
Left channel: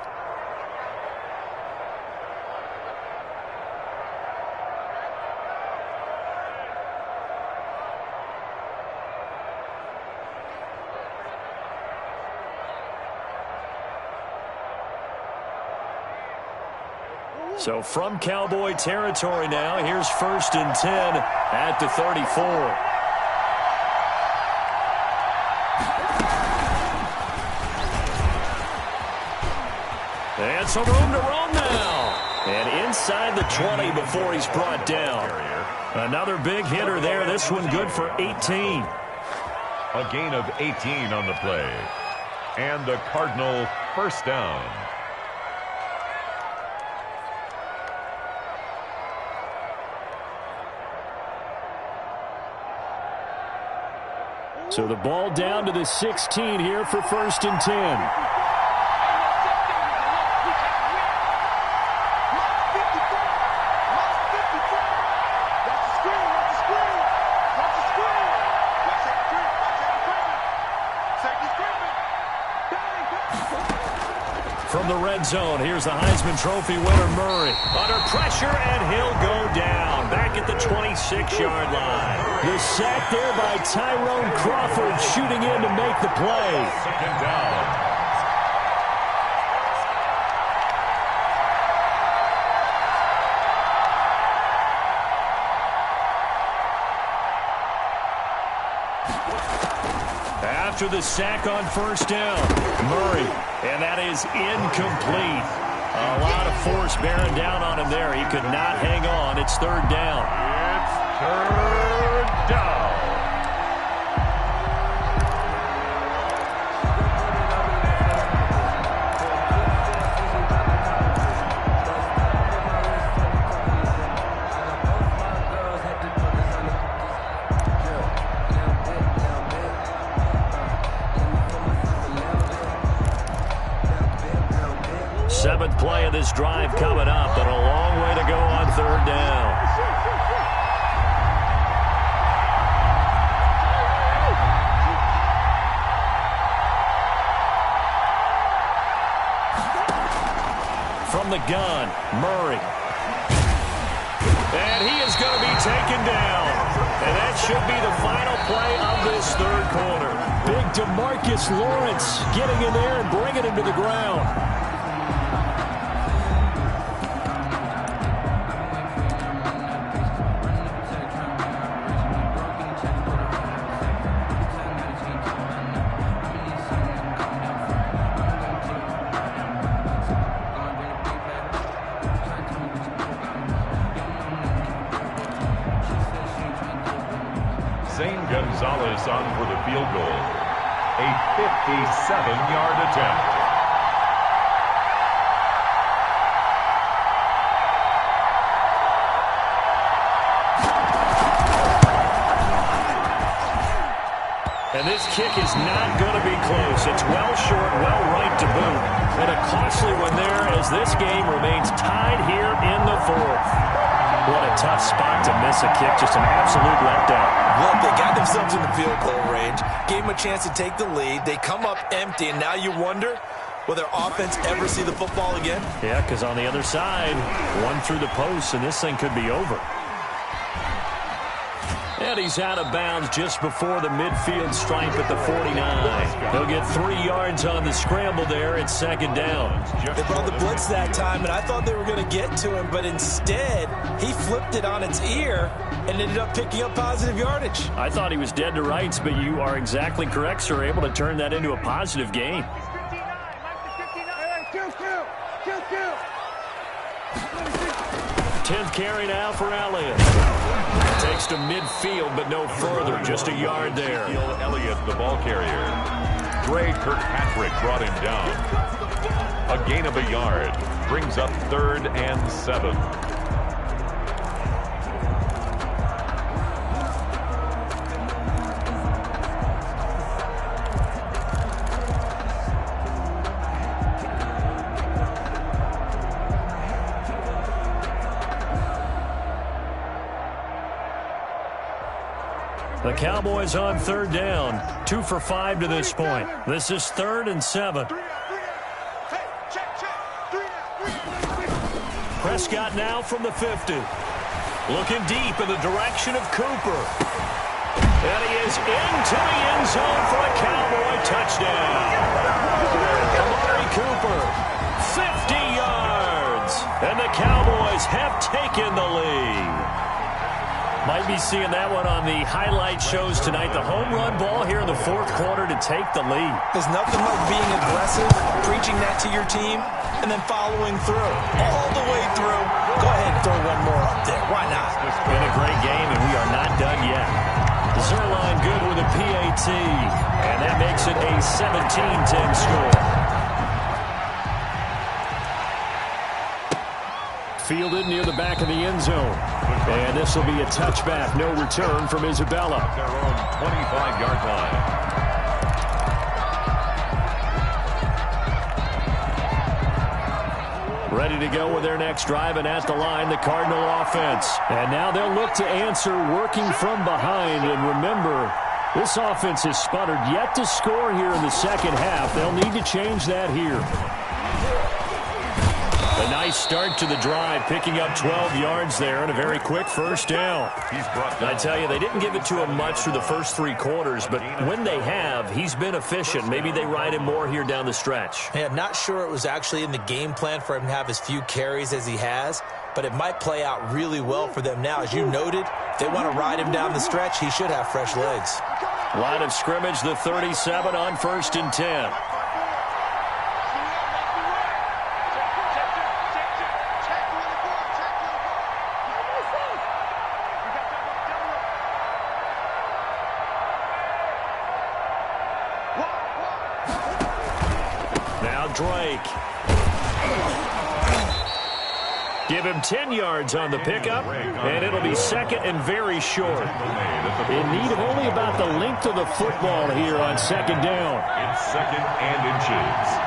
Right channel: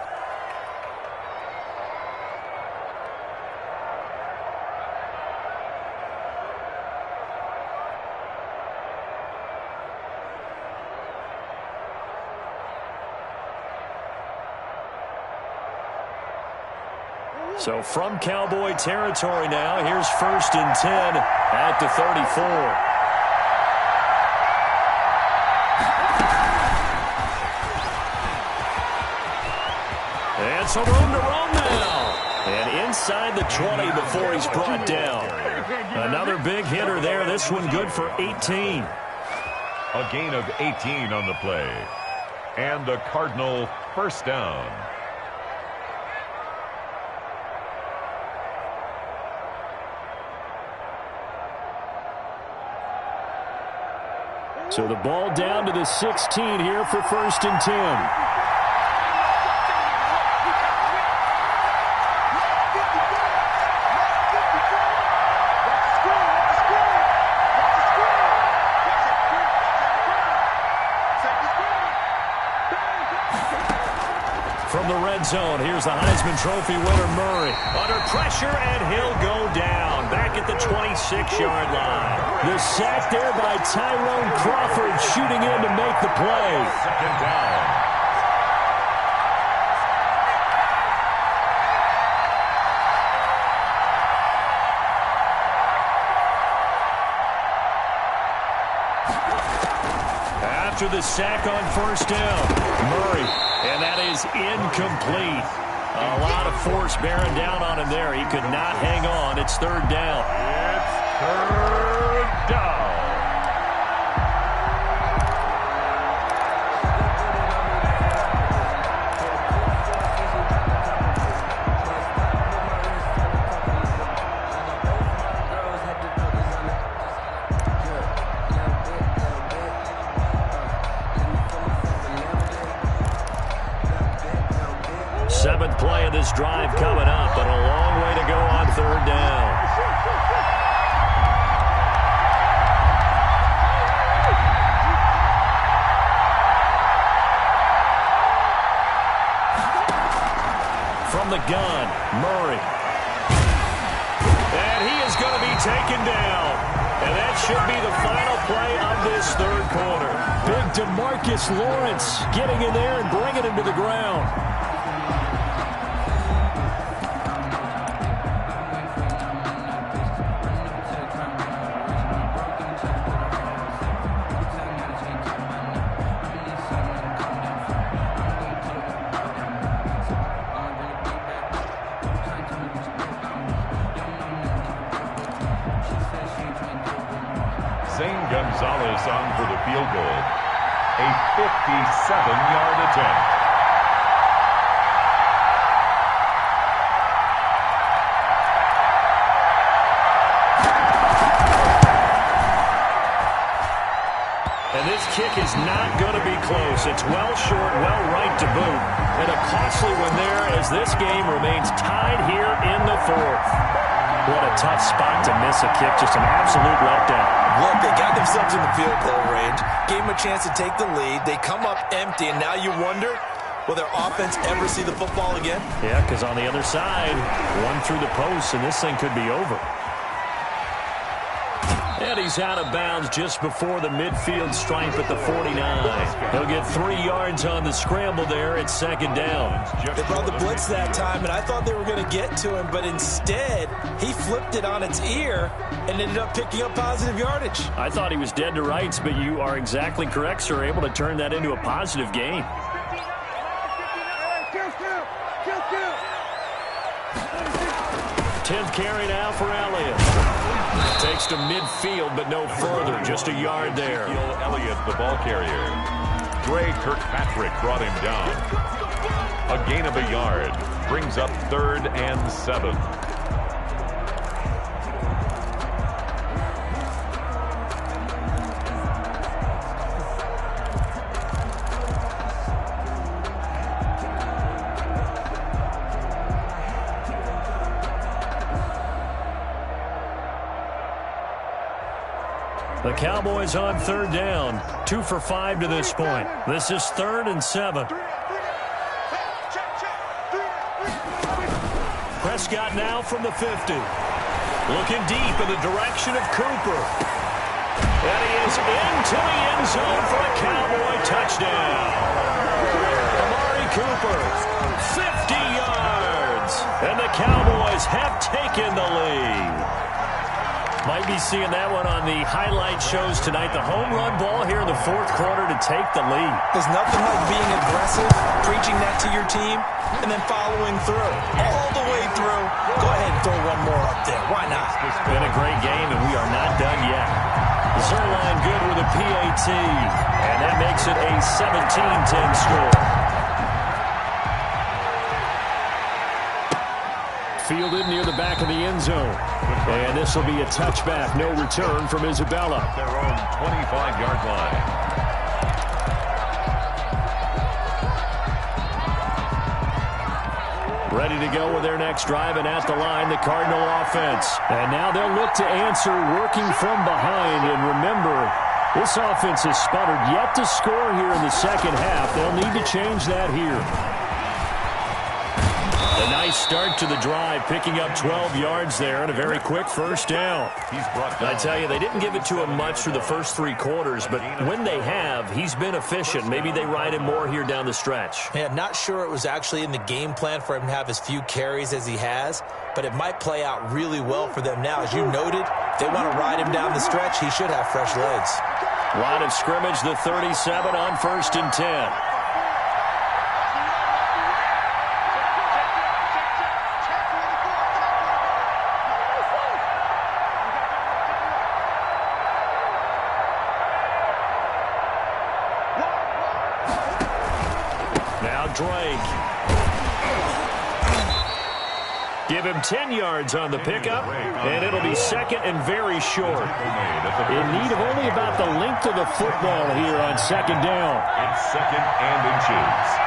So from Cowboy territory now, here's 1st and 10 at the 34. And some room to roam now. And inside the 20 before he's brought down. Another big hitter there. This one good for 18. A gain of 18 on the play. And a Cardinal 1st down. So the ball down to the 16 here for 1st and 10. From the red zone, here's the Heisman Trophy winner, Murray. Under pressure, and he'll go down. Back at the 26-yard line. The sack there by Tyrone Crawford, shooting in to make the play. 2nd down. After the sack on 1st down, Murray, and that is incomplete. A lot of force bearing down on him there. He could not hang on. It's 3rd down. It's 3rd down. Seventh play of this drive coming up, but a long way to go on 3rd down. from the gun. Murray. And he is going to be taken down. And that should be the final play of this third quarter. Big DeMarcus Lawrence getting in there and bringing him to the ground. Gonzalez on for the field goal. A 57-yard attempt. And this kick is not going to be close. It's well short, well right to boot. And a costly one there as this game remains tied here in the fourth. What a tough spot to miss a kick. Just an absolute letdown. Look, they got themselves in the field goal range, gave them a chance to take the lead. They come up empty, and now you wonder, will their offense ever see the football again? Yeah, because on the other side, one through the post, and this thing could be over. And he's out of bounds just before the midfield stripe at the 49. He'll get 3 yards on the scramble there at second down. They brought the blitz that time, and I thought they were going to get to him, but instead, he flipped it on its ear and ended up picking up positive yardage. I thought he was dead to rights, but you are exactly correct, sir. Able to turn that into a positive gain. 10th carry now for Elliott. Takes to midfield, but no further. Just a yard there. Elliott, the ball carrier. Dre Kirkpatrick brought him down. A gain of a yard. Brings up 3rd and 7. The Cowboys on 3rd down. 2 for 5 to this point. This is 3rd and 7. Prescott now from the 50. Looking deep in the direction of Cooper. And he is into the end zone for a Cowboy touchdown. Amari Cooper, 50 yards. And the Cowboys have taken the lead. Might be seeing that one on the highlight shows tonight. The home run ball here in the 4th quarter to take the lead. There's nothing like being aggressive, preaching that to your team, and then following through. All the way through. Go ahead and throw one more up there. Why not? It's been a great game, and we are not done yet. Zerline good with a PAT, and that makes it a 17-10 score. Fielded near the back of the end zone. And this will be a touchback. No return from Isabella. At their own 25-yard line. Ready to go with their next drive, and at the line, the Cardinal offense. And now they'll look to answer working from behind. And remember, this offense has sputtered yet to score here in the second half. They'll need to change that here. A nice start to the drive, picking up 12 yards there and a very quick first down. I tell you, they didn't give it to him much through the first 3 quarters, but when they have, he's been efficient. Maybe they ride him more here down the stretch. Yeah, not sure it was actually in the game plan for him to have as few carries as he has, but it might play out really well for them now. As you noted, if they want to ride him down the stretch, he should have fresh legs. Line of scrimmage, the 37 on 1st and 10. Now Drake. Give him 10 yards on the pickup, and it'll be 2nd and very short. In need of only about the length of the football here on 2nd down. It's 2nd and inches.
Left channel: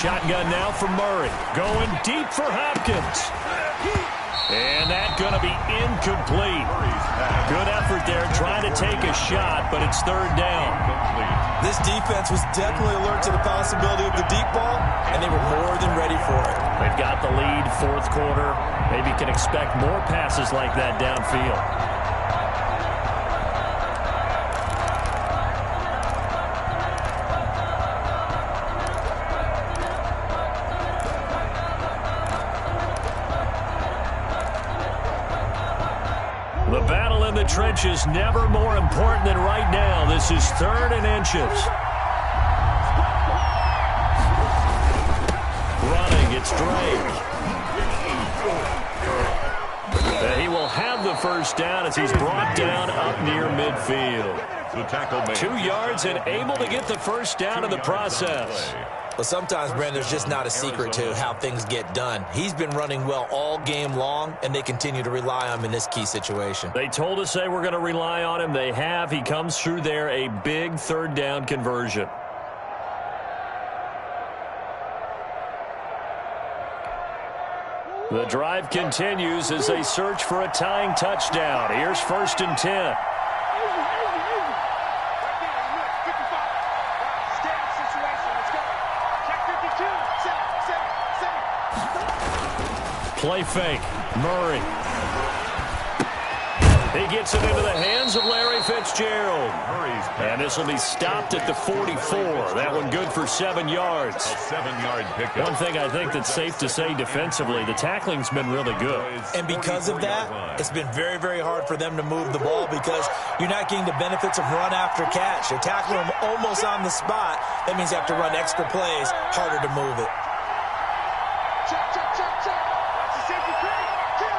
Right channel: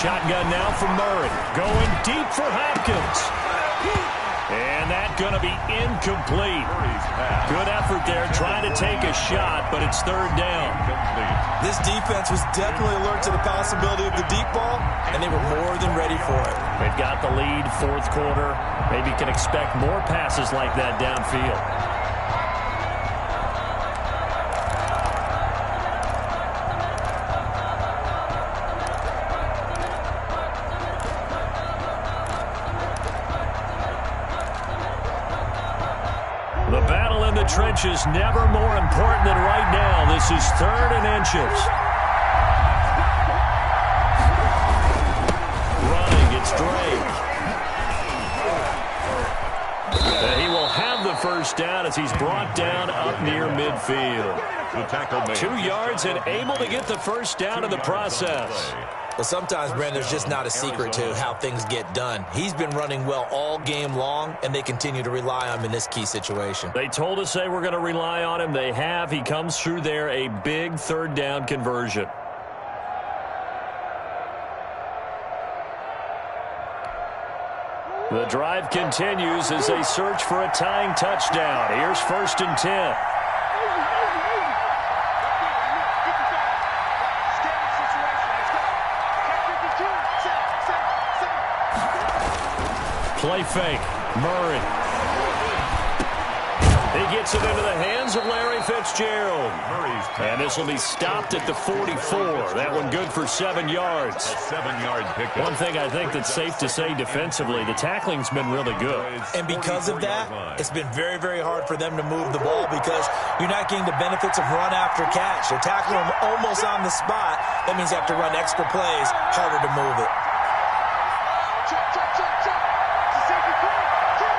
Shotgun now for Murray. Going deep for Hopkins. And that that going to be incomplete. Good effort there trying to take a shot, but it's third down. This defense was definitely alert to the possibility of the deep ball, and they were more than ready for it. They've got the lead, fourth quarter. Maybe can expect more passes like that downfield. The battle in the trenches never more important than right now. This is third and inches. Running, it's Drake. He will have the first down as he's brought down up near midfield. The tackle made. 2 yards and able to get the first down in the process. But sometimes, Brandon, there's just not a secret to how things get done. He's been running well all game long, and they continue to rely on him in this key situation. They told us they were going to rely on him. They have. He comes through there, a big third down conversion. The drive continues as they search for a tying touchdown. Here's first and 10. Play fake. Murray. He gets it into the hands of Larry Fitzgerald. And this will be stopped at the 44. That one good for 7 yards. A 7-yard pickup. One thing I think that's safe to say defensively, the tackling's been really good. And because of that, it's been very, very hard for them to move the ball because you're not getting the benefits of run after catch. You're tackling them almost on the spot. That means you have to run extra plays, harder to move it. Check, check, check, check. Watch the safety play. Kill.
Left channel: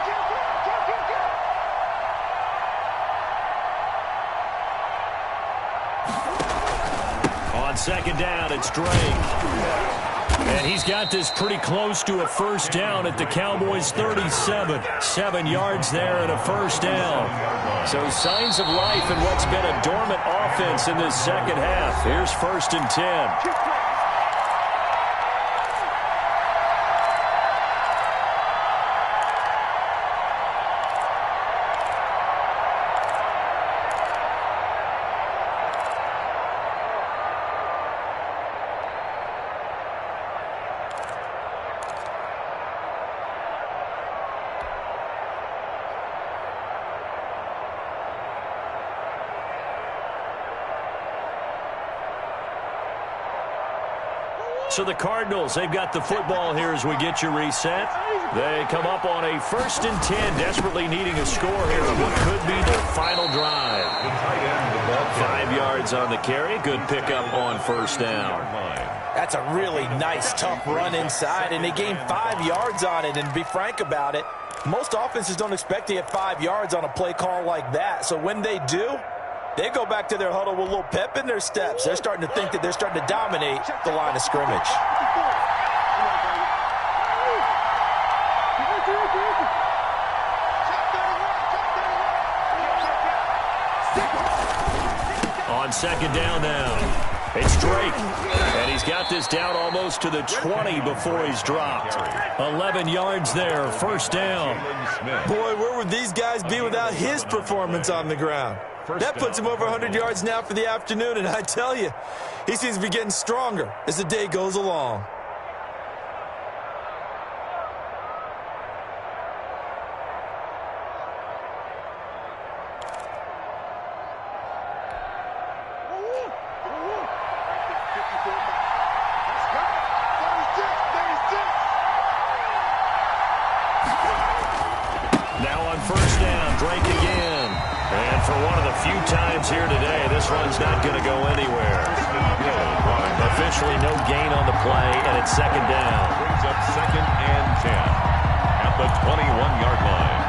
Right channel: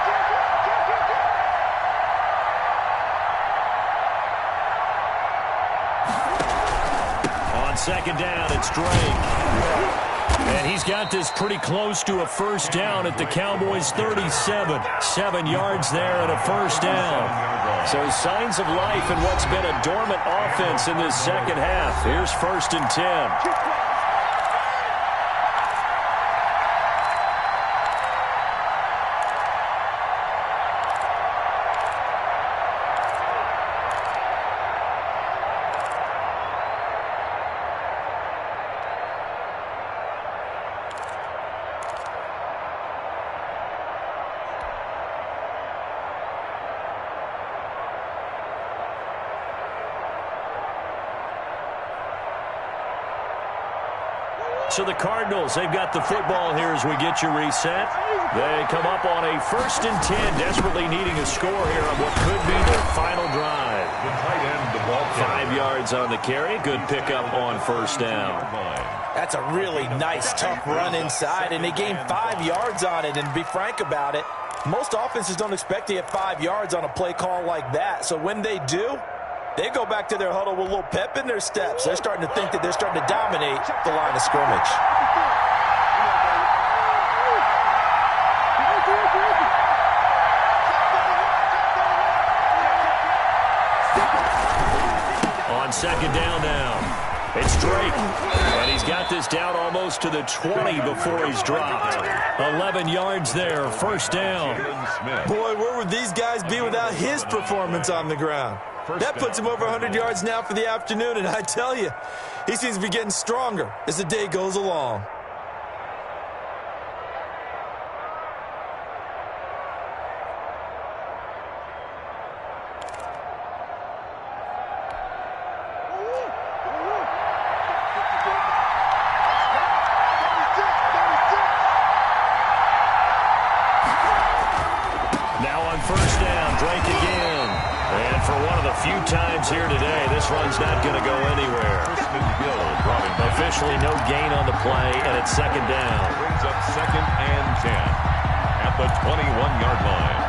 On second down, it's Drake. And he's got this pretty close to a first down at the Cowboys' 37. 7 yards there and a first down. So signs of life in what's been a dormant offense in this second half. Here's first and 10. So the Cardinals, they've got the football here as we get you reset. They come up on a first and 10, desperately needing a score here on what could be their final drive. The tight end, the ball 5 yards on the carry. Good pickup on first down. That's a really nice, tough run inside, and they gained 5 yards on it. And to be frank about it, most offenses don't expect to get 5 yards on a play call like that. So when they do, they go back to their huddle with a little pep in their steps. They're starting to think that they're starting to dominate the line of scrimmage. On second down now, it's Drake. And he's got this down almost to the 20 before he's dropped. 11 yards there, first down. Boy, where would these guys be without his performance on the ground? That puts him over 100 yards now for the afternoon, and I tell you, he seems to be getting stronger as the day goes along. Now on first down, Drake again. And for one of the few times here today, this run's not going to go anywhere. Officially no gain on the play, and it's second down. Brings up second and 10 at the 21-yard line.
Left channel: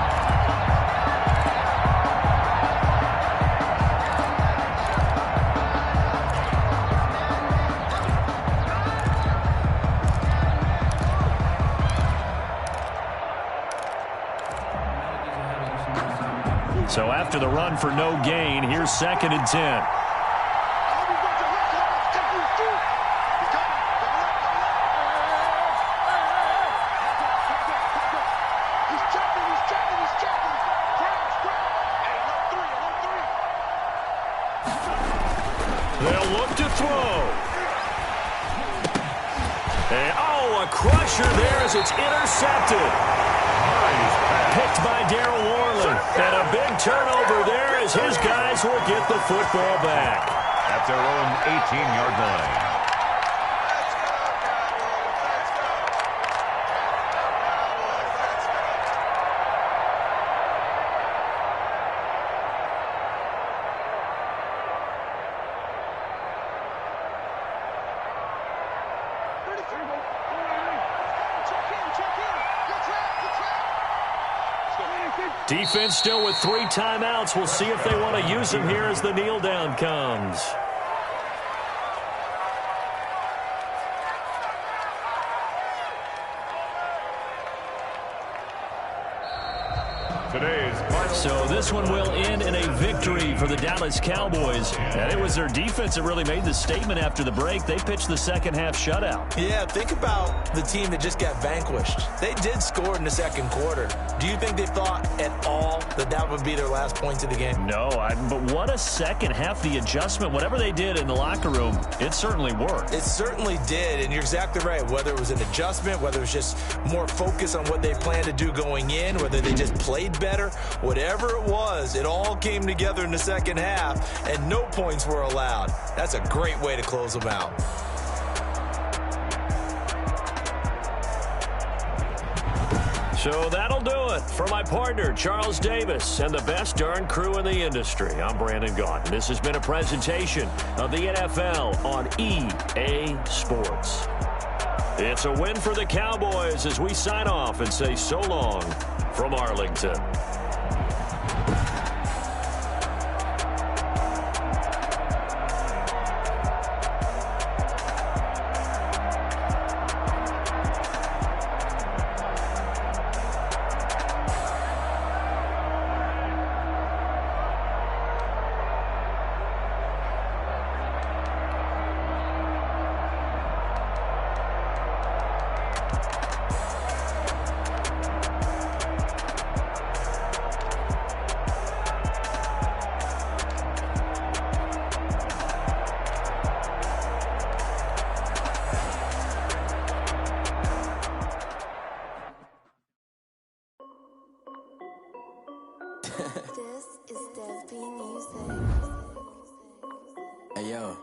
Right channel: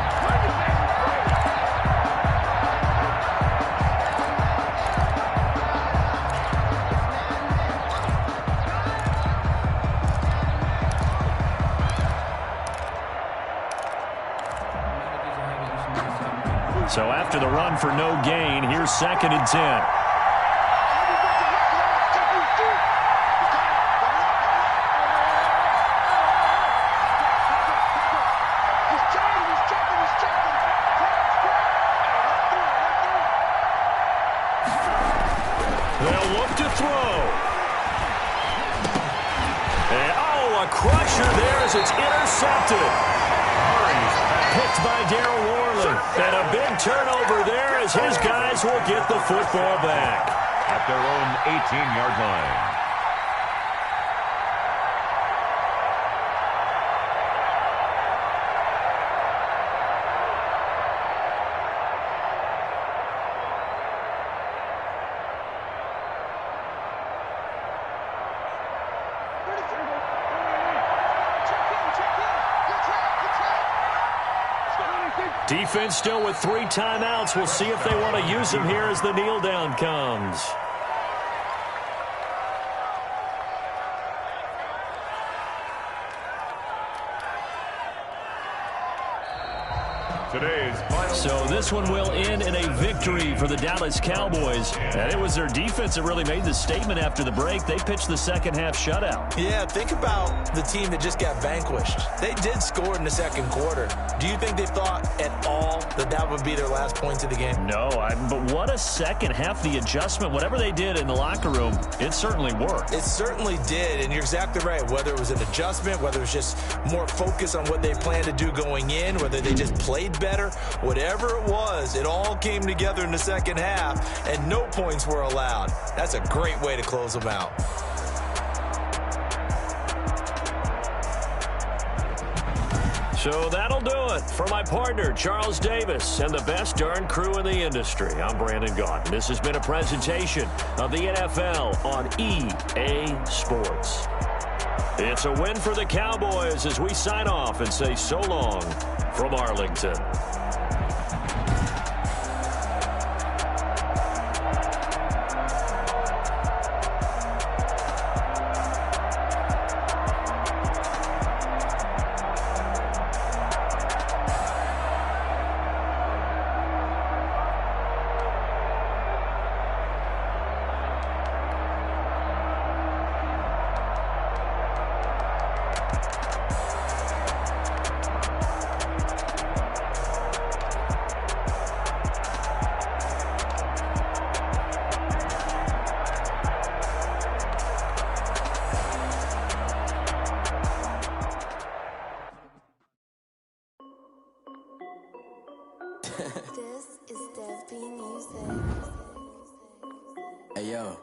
So after the run for no gain, here's second and 10. He's checking. They'll look to throw. And, a crusher there as it's intercepted. Picked by Darryl Worley. And a big turnover there as his guys will get the football back. At their own 18-yard line. Defense still with 3 timeouts. We'll see if they want to use them here as the kneel down comes. Today's final. So this one will end in a victory for the Dallas Cowboys. And it was their defense that really made the statement after the break. They pitched the second half shutout. Yeah, think about the team that just got vanquished. They did score in the second quarter. Do you think they thought at all that that would be their last points of the game? No, but what a second half. The adjustment, whatever they did in the locker room, it certainly worked. It certainly did, and you're exactly right. Whether it was an adjustment, whether it was just more focus on what they planned to do going in, whether they just played better, whatever it was, it all came together in the second half, and no points were allowed. That's a great way to close them out. So that'll do it for my partner, Charles Davis, and the best darn crew in the industry. I'm Brandon Gaudin. This has been a presentation of the NFL on EA Sports. It's a win for the Cowboys as we sign off and say so long from Arlington. This is Dev B Music. Hey, yo.